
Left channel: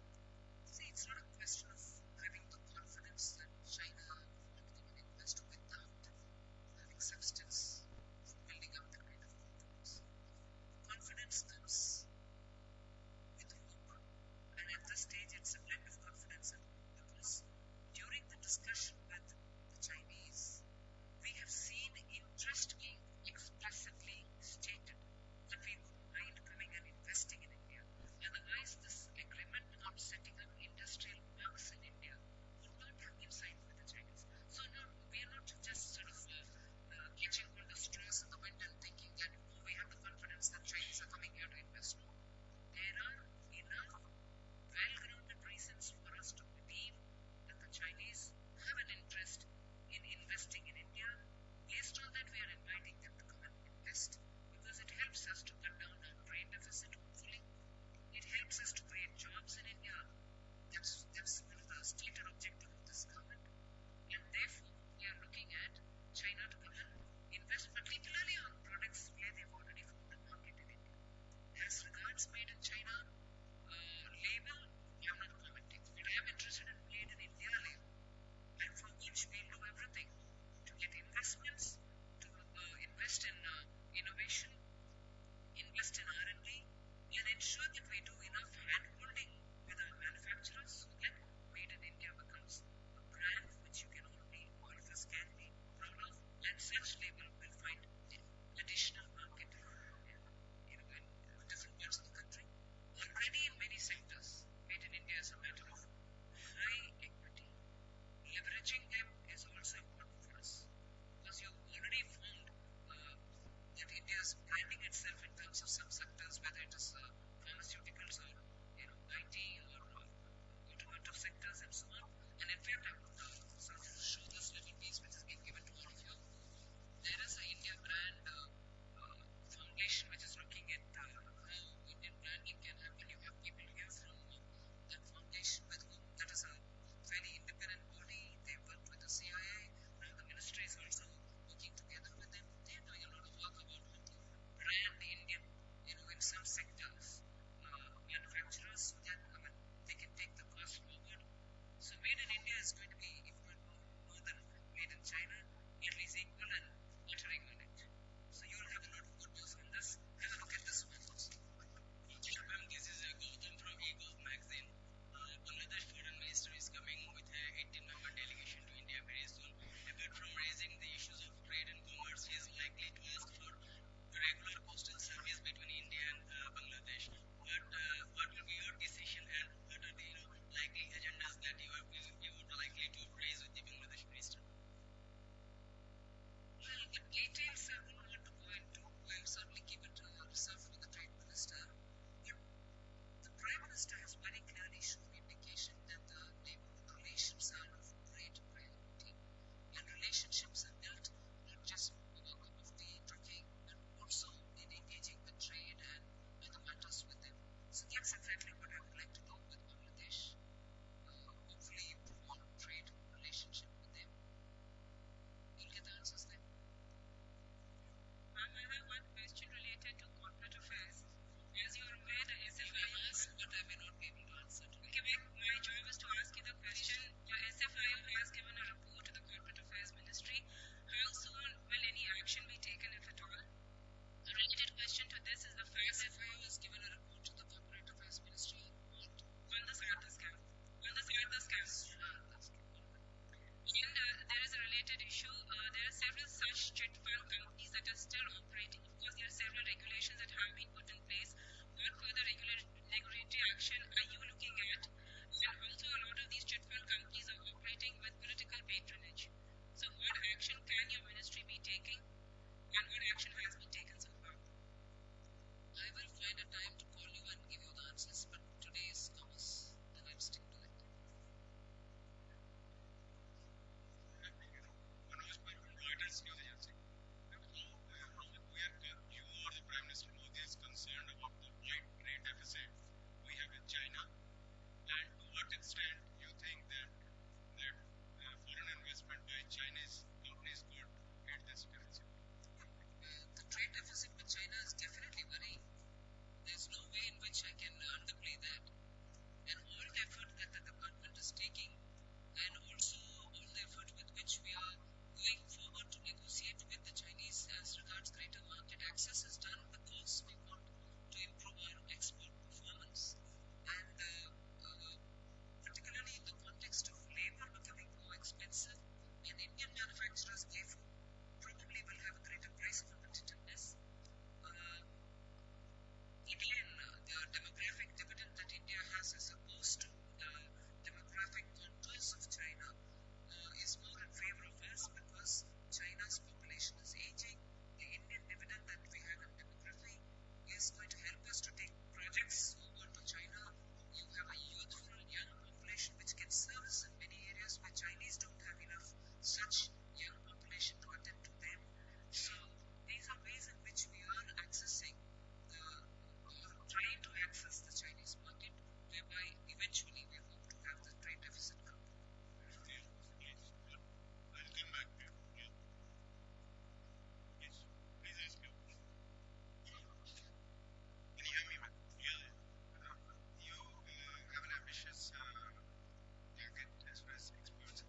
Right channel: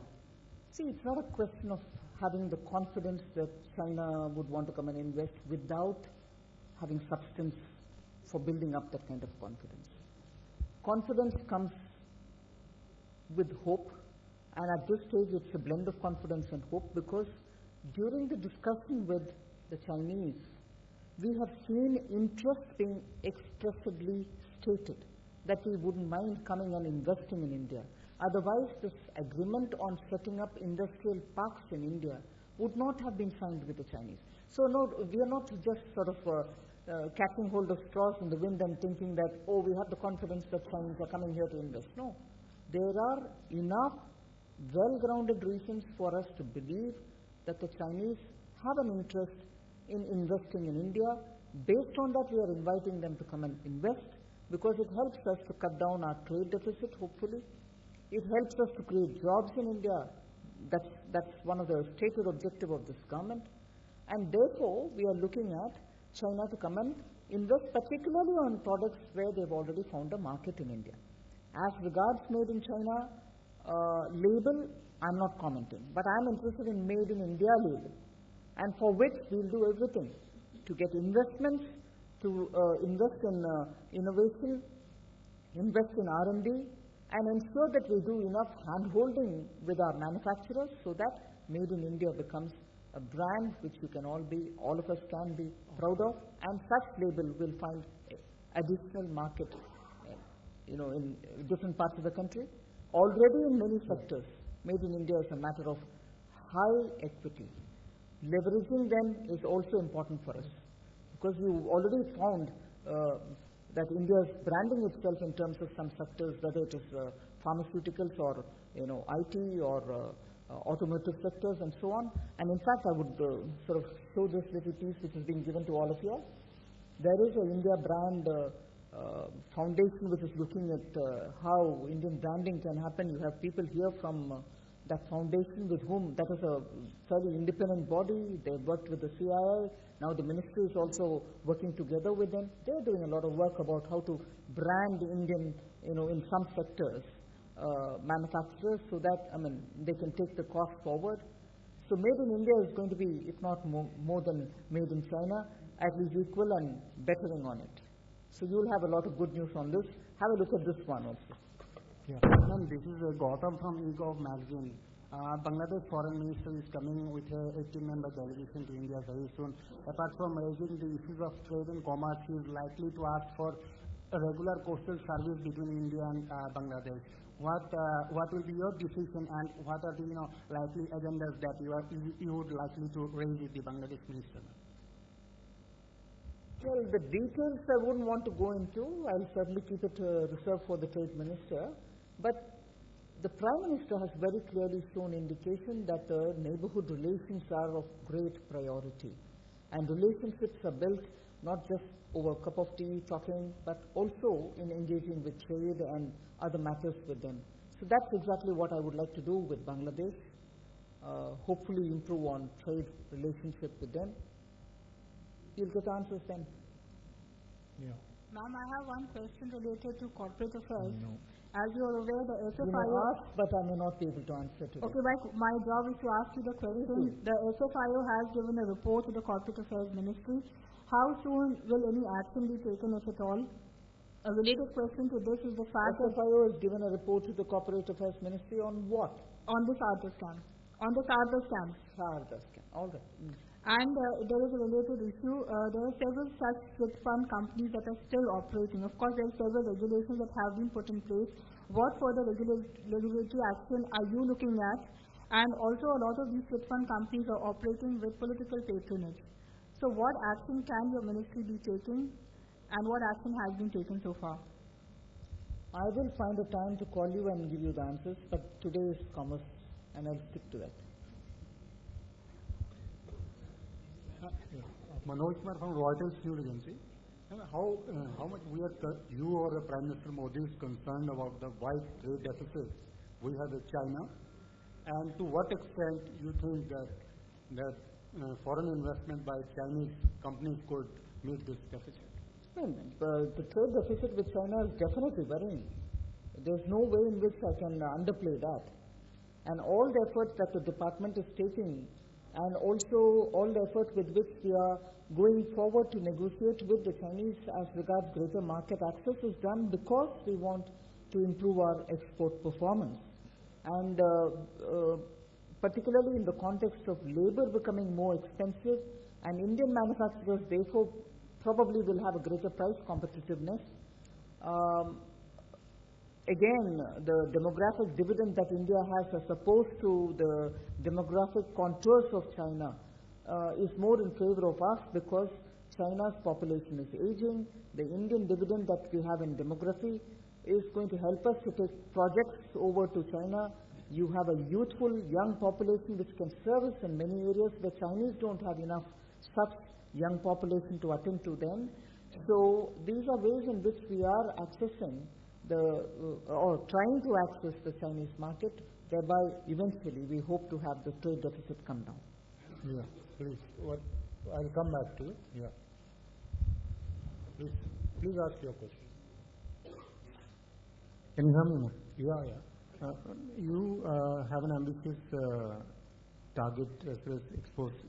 See, it's not a question of having the confidence that China would want to come and invest without having substance for building up that kind of confidence. Confidence comes with hope, and at this stage it's a blend of confidence and hope, because during the discussion with the Chinese, we have seen interest being expressly stated that we wouldn't mind coming and investing in India. Otherwise, this agreement on setting up industrial parks in India would not have been signed with the Chinese. So no, we are not just sort of catching hold of straws in the wind and thinking that, oh, we have the confidence that Chinese are coming here to invest. No, there are enough well-grounded reasons for us to believe that the Chinese have an interest in investing in India. Based on that, we are inviting them to come and invest, because it helps us to cut down our trade deficit, hopefully. It helps us to create jobs in India. That's one of the stated objective of this government. And therefore, we are looking at China to come and invest, particularly on products where they've already found a market in India. As regards Made in China label, I'm not commenting, but I'm interested in Made in India label, and for which we'll do everything to get investments, to invest in innovation, invest in R&D, and ensure that we do enough hand-holding with our manufacturers so that Made in India becomes a brand which all of us can be proud of, and such label will find additional market, in different parts of the country. Already in many sectors, Made in India is a matter of high equity. Leveraging them is also important for us, because you already found that India is branding itself in terms of some sectors, whether it is pharmaceuticals or IT or automotive sectors and so on. And in fact, I would sort of show this little piece which is being given to all of you all. There is a India brand foundation which is looking at how Indian branding can happen. You have people here from that foundation with whom, that is a fairly independent body. They've worked with the CII. Now the ministry is also working together with them. They're doing a lot of work about how to brand Indian, in some sectors, manufacturers, so that, they can take the cost forward. So Made in India is going to be, if not more than Made in China, at least equal and bettering on it. So you'll have a lot of good news on this. Have a look at this one also. Yeah. Ma'am, this is Gautam from eGov magazine. Bangladesh foreign minister is coming with a 18-member delegation to India very soon. Apart from raising the issues of trade and commerce, he is likely to ask for a regular coastal service between India and Bangladesh. What will be your decision, and what are the likely agendas that you would likely to raise with the Bangladesh minister? Well, the details I wouldn't want to go into. I'll certainly keep it reserved for the trade minister. But the Prime Minister has very clearly shown indication that the neighborhood relations are of great priority. And relationships are built not just over a cup of tea talking, but also in engaging with trade and other matters with them. So that's exactly what I would like to do with Bangladesh. Hopefully improve on trade relationship with them. You'll get the answers then. Yeah. Ma'am, I have one question related to corporate affairs. As you're aware, the SFIO... You may ask, but I may not be able to answer today. Okay, my job is to ask you the question. The SFIO has given a report to the Corporate Affairs Ministry. How soon will any action be taken, if at all? A related question to this is the fact that... SFIO has given a report to the Corporate Affairs Ministry on what? On the Sarda scam. On the Sarda scam. Sarda scam, all right. And there is a related issue. There are several such chit fund companies that are still operating. Of course, there are several regulations that have been put in place. What further regulatory action are you looking at? And also, a lot of these chit fund companies are operating with political patronage. So what action can your ministry be taking, and what action has been taken so far? I will find a time to call you and give you the answers, but today is commerce, and I'll stick to that. Manoj Kumar from Reuters News Agency. How much you or the Prime Minister Modi is concerned about the wide trade deficit we have with China, and to what extent you think that foreign investment by Chinese companies could meet this deficit? Well, the trade deficit with China is definitely worrying. There's no way in which I can underplay that. And all the effort that the department is taking, and also all the effort with which we are going forward to negotiate with the Chinese as regards greater market access, is done because we want to improve our export performance. And particularly in the context of labor becoming more expensive, and Indian manufacturers therefore probably will have a greater price competitiveness. Again, the demographic dividend that India has as opposed to the demographic contours of China is more in favor of us, because China's population is aging. The Indian dividend that we have in demography is going to help us to take projects over to China. You have a youthful young population which can service in many areas where Chinese don't have enough such young population to attend to them. So these are ways in which we are accessing or trying to access the Chinese market, whereby eventually we hope to have the trade deficit come down. Yeah, please. I'll come back to you. Yeah. Please ask your question. Can you hear me, ma'am? Yeah. You have an ambitious target as far as exports,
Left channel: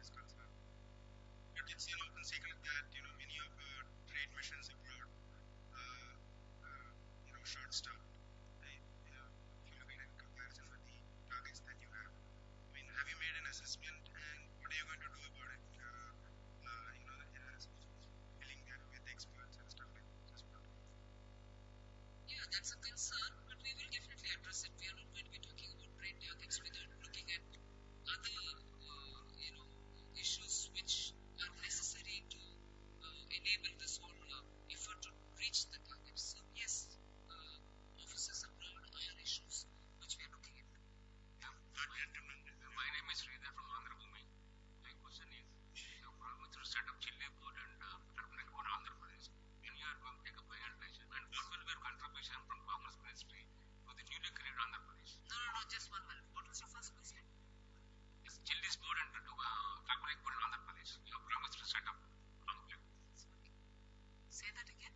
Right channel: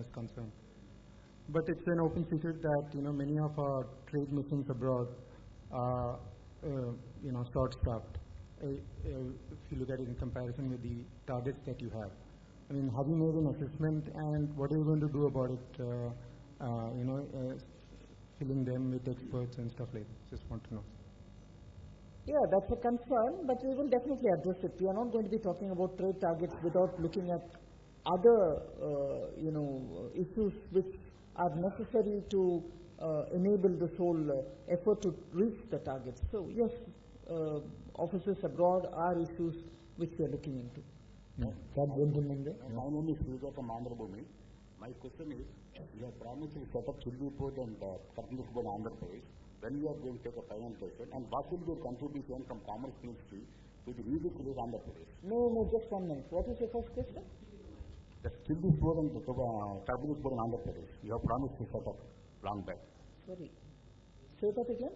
is concerned. But it's an open secret that many of our trade missions abroad are short-staffed. If you look at it in comparison with the targets that you have, have you made an assessment, and what are you going to do about it? filling them with experts and stuff like that. Just want to know. Yeah, that's a concern, but we will definitely address it. We are not going to be talking about trade targets without looking at other, issues which are necessary to enable this whole effort to reach the targets. So yes, offices abroad are issues which we are looking into. That gentleman there. My name is Sridhar from Andhra Bhumi. My question is, you have promised to set up chili board and turmeric board in Andhra Pradesh. When you are going to take a finalization, and what will be your contribution from Commerce Ministry to the newly created Andhra Pradesh? No, just 1 minute. What was your first question? The chilies board and turmeric board in Andhra Pradesh. You have promised to set up long back. Sorry. Say that again.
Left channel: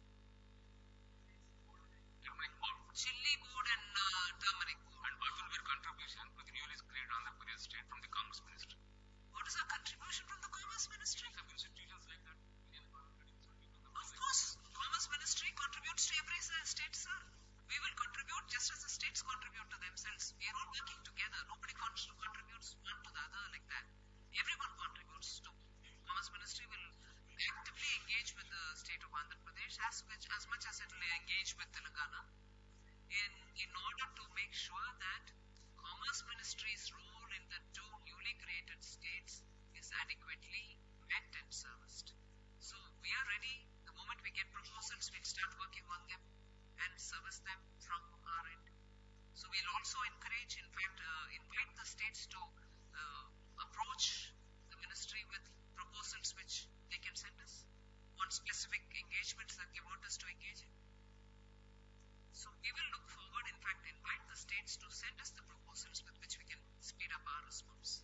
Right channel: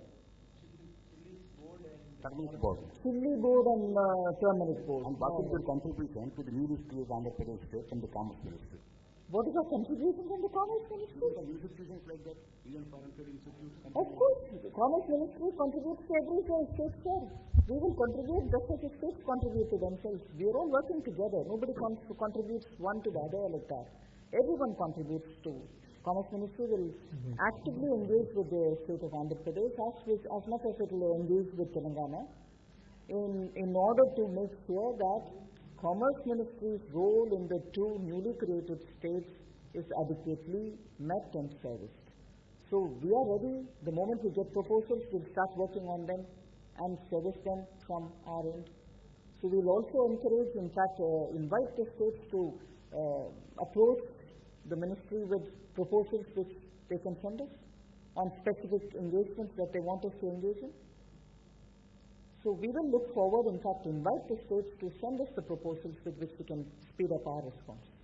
Turmeric board. Chili board and turmeric board. And what will be your contribution to the newly created Andhra Pradesh state from the Commerce Ministry? What is our contribution from the Commerce Ministry? Some institutions like that, Indian Foreign Trade Institute. Of course, Commerce Ministry contributes to every state, sir. We will contribute just as the states contribute to themselves. We are all working together. Nobody contributes one to the other like that. Everyone contributes to. Commerce Ministry will actively engage with the state of Andhra Pradesh as much as it will engage with Telangana in order to make sure that Commerce Ministry's role in the two newly created states is adequately met and serviced. So we are ready. The moment we get proposals, we'll start working on them and service them from our end. So we'll also encourage, in fact, invite the states to approach the ministry with proposals which they can send us on specific engagements that they want us to engage in. So we will look forward, in fact, invite the states to send us the proposals with which we can speed up our response.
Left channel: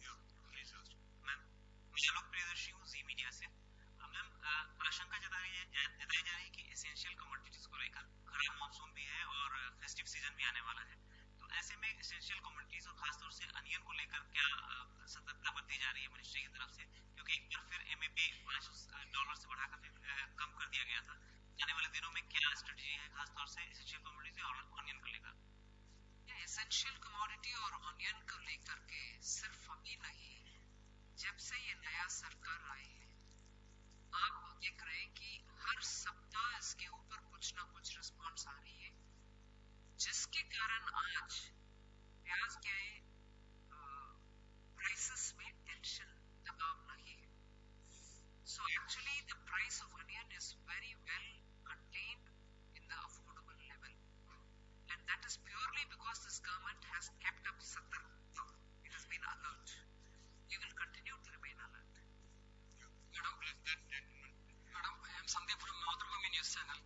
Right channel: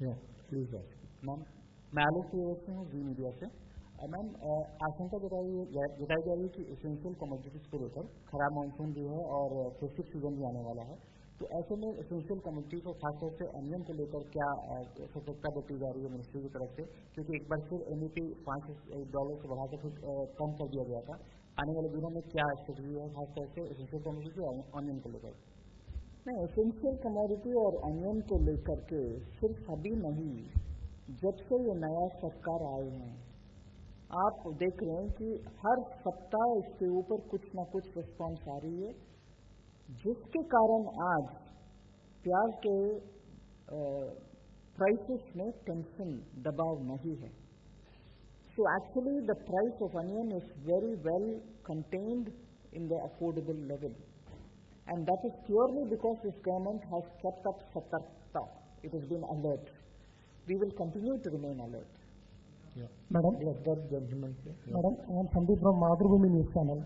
Yeah, please ask. Ma'am, मैं आलोक प्रियदर्शी हूँ जी media से। Ma'am, आशंका जताई जा रही है कि essential commodities को लेकर खराब मानसून भी है और फेस्टिव सीजन भी आने वाला है, तो ऐसे में एसेंशियल कमोडिटीज़ और खासतौर से अनियन को लेकर क्या सतर्कता बरती जा रही है मिनिस्ट्री की तरफ से, क्योंकि एक बार फिर MAP $5 से बढ़ाकर फिर कम कर दिया गया था। आने वाले दिनों में क्या स्ट्रेटजी है खासतौर से एसेंशियल कमोडिटी और ऑनियन को लेकर? नहीं, एसेंशियल कमोडिटी और ऑनियन को लेकर के सिर्फ अभी नहीं, जब से ये नया सरकार आए हैं आप देख रहे हैं कि हर सप्ताह इसके ऊपर कुछ ना कुछ रिस्पॉन्स आ रही है, जिसके कारण आज प्याज के प्राइसेस में टेंशन दबाव नहीं है. So actually the price of onion is very well contained in the affordable level, and that is purely because this government has kept up satarkta. It has been alert. We will continue to remain alert. Yeah. Madam. Bless that gentleman. Yeah. Madam, I am Sandeep from Madhurabhumi News Channel.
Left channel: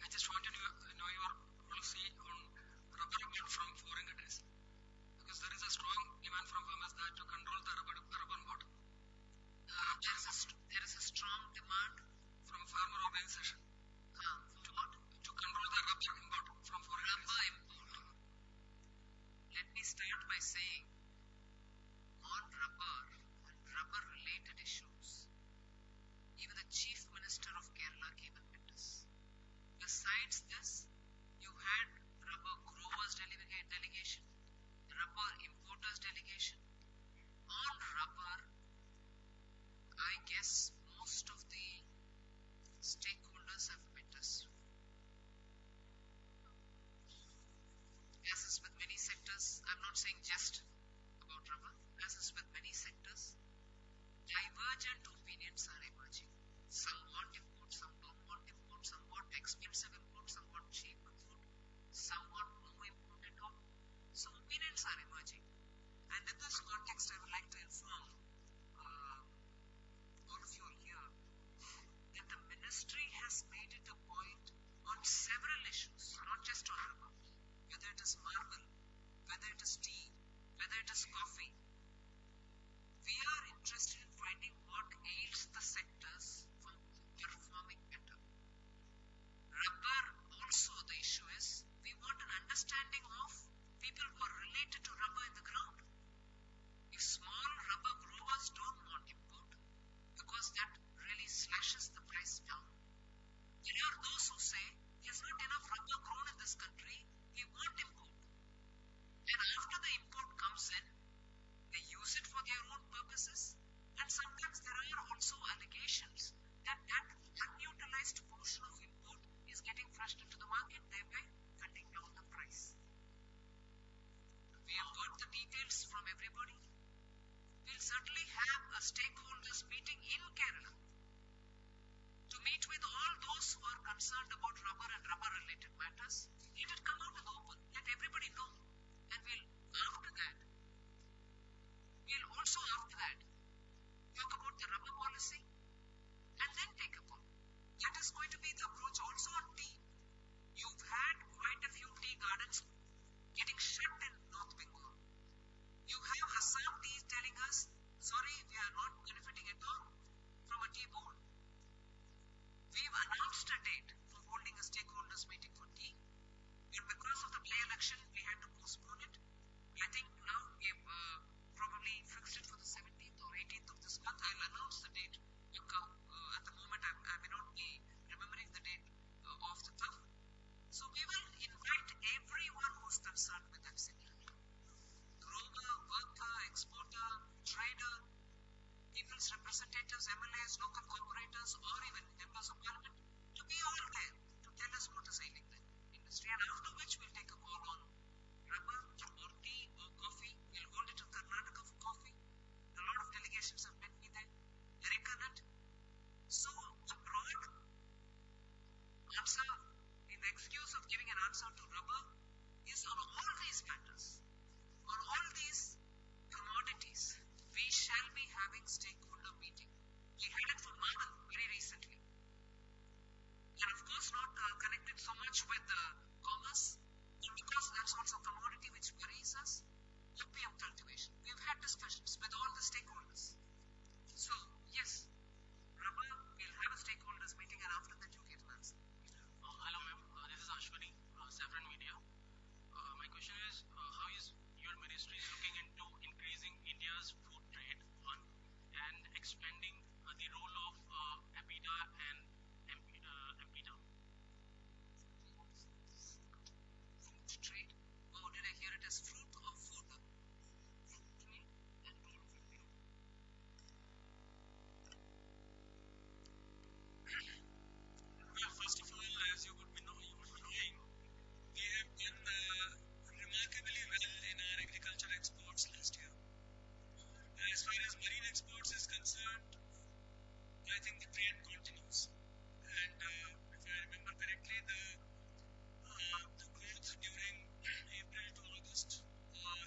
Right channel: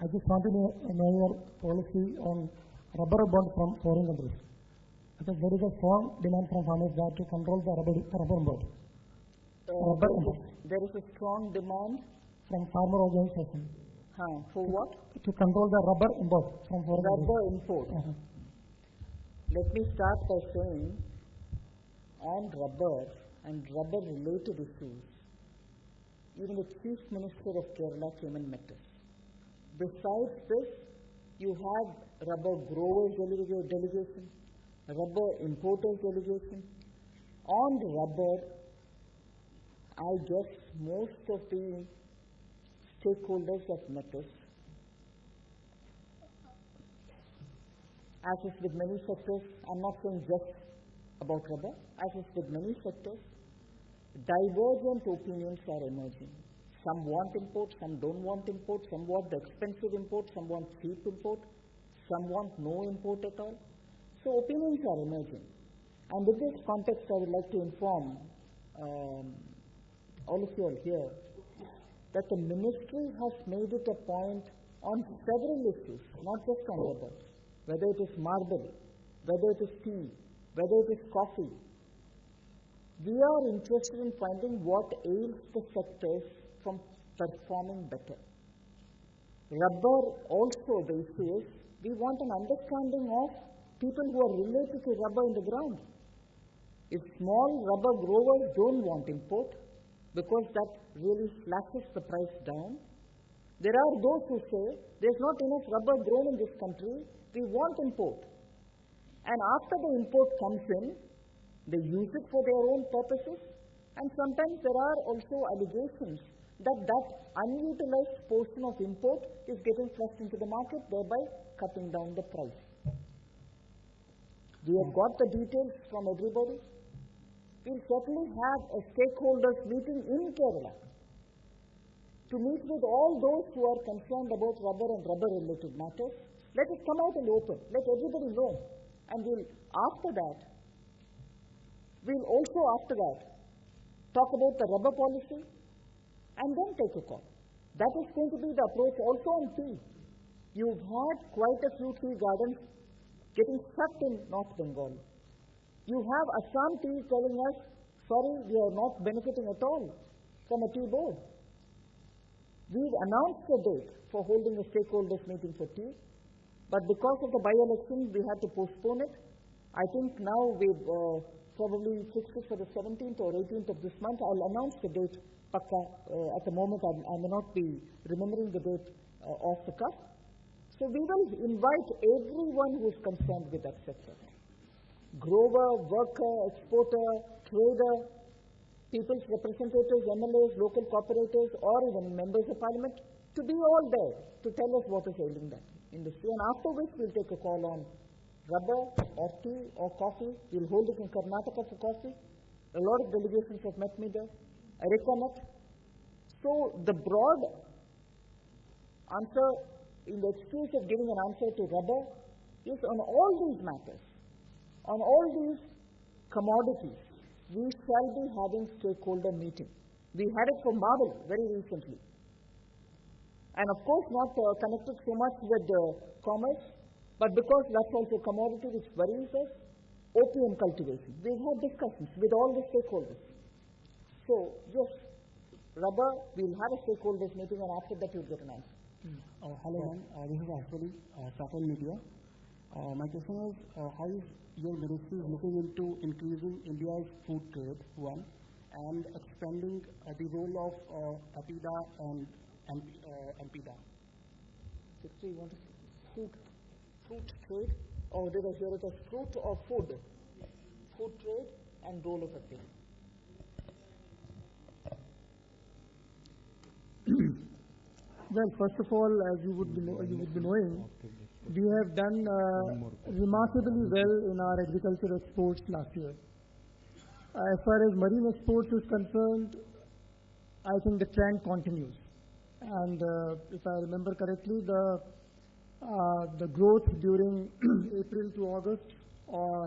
I just want to know your policy on rubber bond from foreign countries, because there is a strong demand from farmers that to control the rubber bond. There is a strong demand from farmer organization. For what? To control the rubber import from foreign countries. Rubber import. Let me start by saying, on rubber and rubber related issues, even the Chief Minister of Kerala came and met us. Besides this, you had rubber growers delegation, rubber importers delegation. On rubber, I guess most of the stakeholders have met us. As is with many sectors, I'm not saying just about rubber, as is with many sectors, divergent opinions are emerging. Some want import, some don't want import, some want expensive import, some want cheap import, some want no import at all. So opinions are emerging. And in this context, I would like to inform all of you all here that the ministry has made it a point on several issues, not just on rubber, whether it is marble, whether it is tea, whether it is coffee. We are interested in finding what ails the sectors from performing better. Rubber also, the issue is, we want an understanding of people who are related to rubber in the ground. If small rubber growers don't want import, because that really slashes the price down, there are those who say, there's not enough rubber grown in this country, we want import. And after the import comes in, they use it for their own purposes, and sometimes there are also allegations that unutilized portion of import is getting flushed into the market, thereby cutting down the price. We have got the details from everybody. We'll certainly have a stakeholders meeting in Kerala to meet with all those who are concerned about rubber and rubber related matters. Let it come out in the open. Let everybody know. And we'll also after that talk about the rubber policy and then take a call. That is going to be the approach also on tea. You've had quite a few tea gardens getting shut in North Bengal. You have Assam Tea telling us, sorry, we are not benefiting at all from a tea board. We've announced a date for holding a stakeholders meeting for tea, but because of the by-election, we had to postpone it. I think now we've probably fixed it for the 17th or 18th of this month. I'll announce the date, Pakka. At the moment, I may not be remembering the date off the cuff. So we will invite everyone who's concerned with that sector. Grower, worker, exporter, trader, people's representatives, MLAs, local corporators, or even members of parliament to be all there to tell us what is ailing that industry. And after which we'll take a call on rubber or tea or coffee. We'll hold it in Karnataka for coffee. A lot of delegations have met me there. Areca nut. So the broad answer, in the excuse of giving an answer to rubber, is on all these matters, on all these commodities, we shall be having stakeholder meeting. We had it for marble very recently. And of course not connected so much with commerce, but because that's also commodity which worries us, opium cultivation. We've had discussions with all the stakeholders. So yes, rubber, we'll have a stakeholders meeting and after that you'll get an answer. Hello ma'am, this is Ashwani, Saffron Media. My question is, how is your ministry is looking into increasing India's food trade, one, and expanding the role of APIDA and MPIDA? Secretary, you want to say fruit trade, or did I hear it as fruit or food? Food trade and role of APIDA. Well, first of all, as you would be knowing, we have done remarkably well in our agriculture exports last year. As far as marine exports is concerned, I think the trend continues. And if I remember correctly, the growth during April to August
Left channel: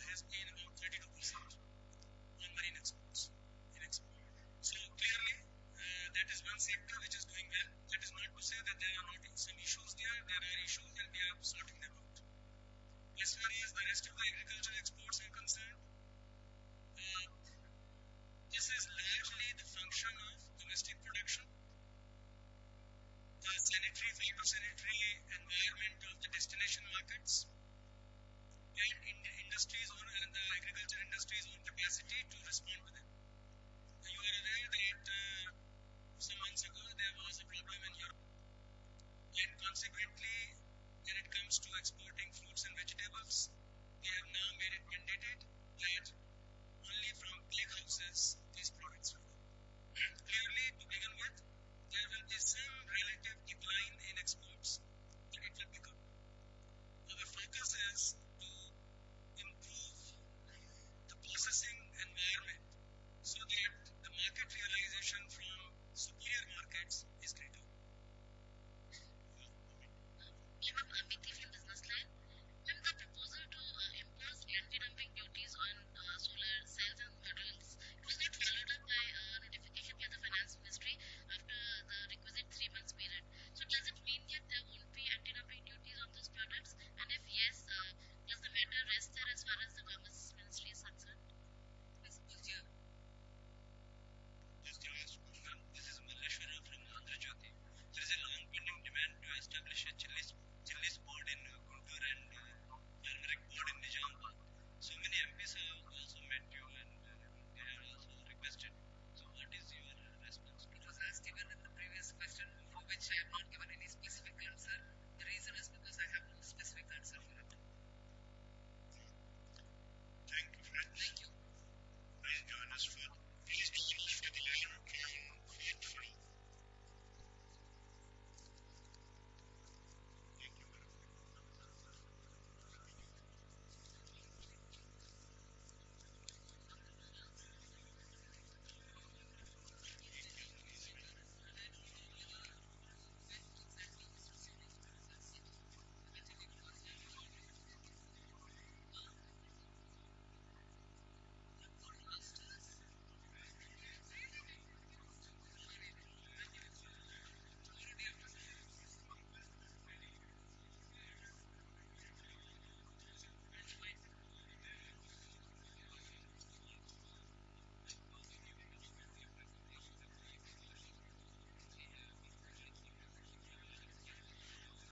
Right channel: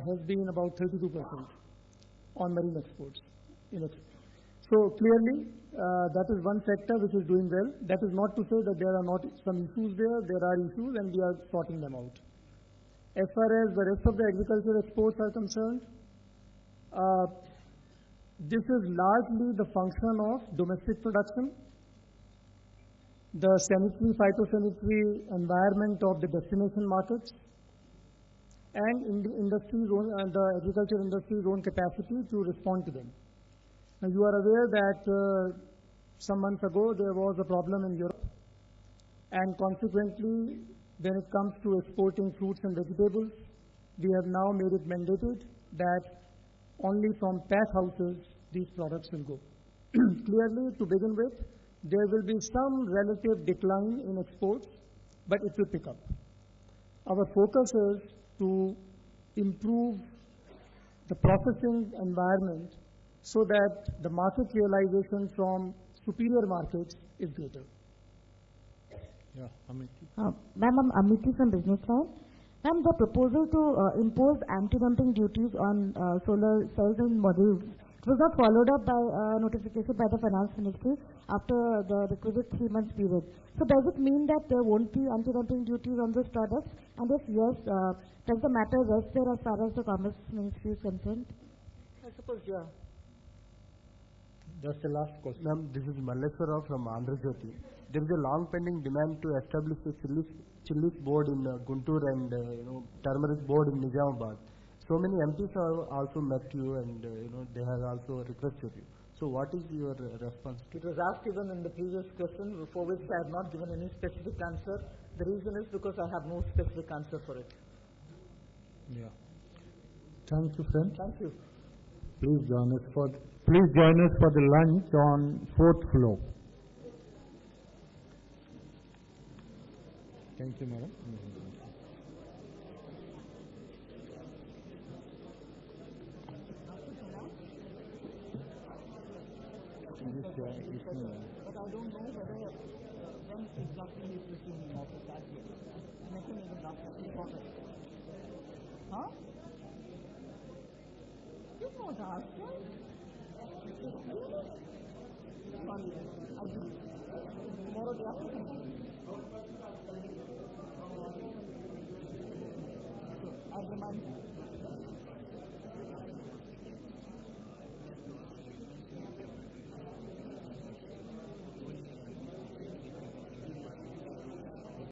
has been about 32% on marine exports. So clearly, that is one sector which is doing well. That is not to say that there are not some issues there. There are issues and we are sorting them out. As far as the rest of the agriculture exports are concerned, this is largely the function of domestic production, the sanitary, phytosanitary environment of the destination markets, and the agriculture industry's own capacity to respond to them. Now, you are aware that some months ago there was a problem in Europe, and consequently, when it comes to exporting fruits and vegetables, we have now made it mandated that only from pack houses these products will go. Clearly, to begin with, there will be some relative decline in exports, but it will pick up. Our focus is to improve the processing environment so that the market realization from superior markets is greater. Yeah, Amity. Ma'am, I'm Amity from Business Line. Ma'am, the proposal to impose anti-dumping duties on solar cells and modules, it was not followed up by notification by the Finance Ministry after the requisite 3 months period. So does it mean that there won't be anti-dumping duties on those products? And if yes, does the matter rest there as far as the Commerce Ministry is concerned? I suppose, yeah. That's the last question. Ma'am, this is Malleshwara from Andhra Jyoti. There is a long pending demand to establish a chilies board in Guntur and turmeric board in Nizamabad. So many MPs have also met you and they have also requested you. So what is your response to it? Was asked even in the previous question, for which I have not given any specific answer. The reason is because I have no specific answer for it. Yeah. Thank you, friends. Thank you. Please join us for the lunch on 4th floor. Thank you, madam. But I don't know whether when exactly he's resuming office as yet. I met him even last night. He's not ready. Huh? You've not asked us? Really? Sorry then. I'll give it to you. Tomorrow, day after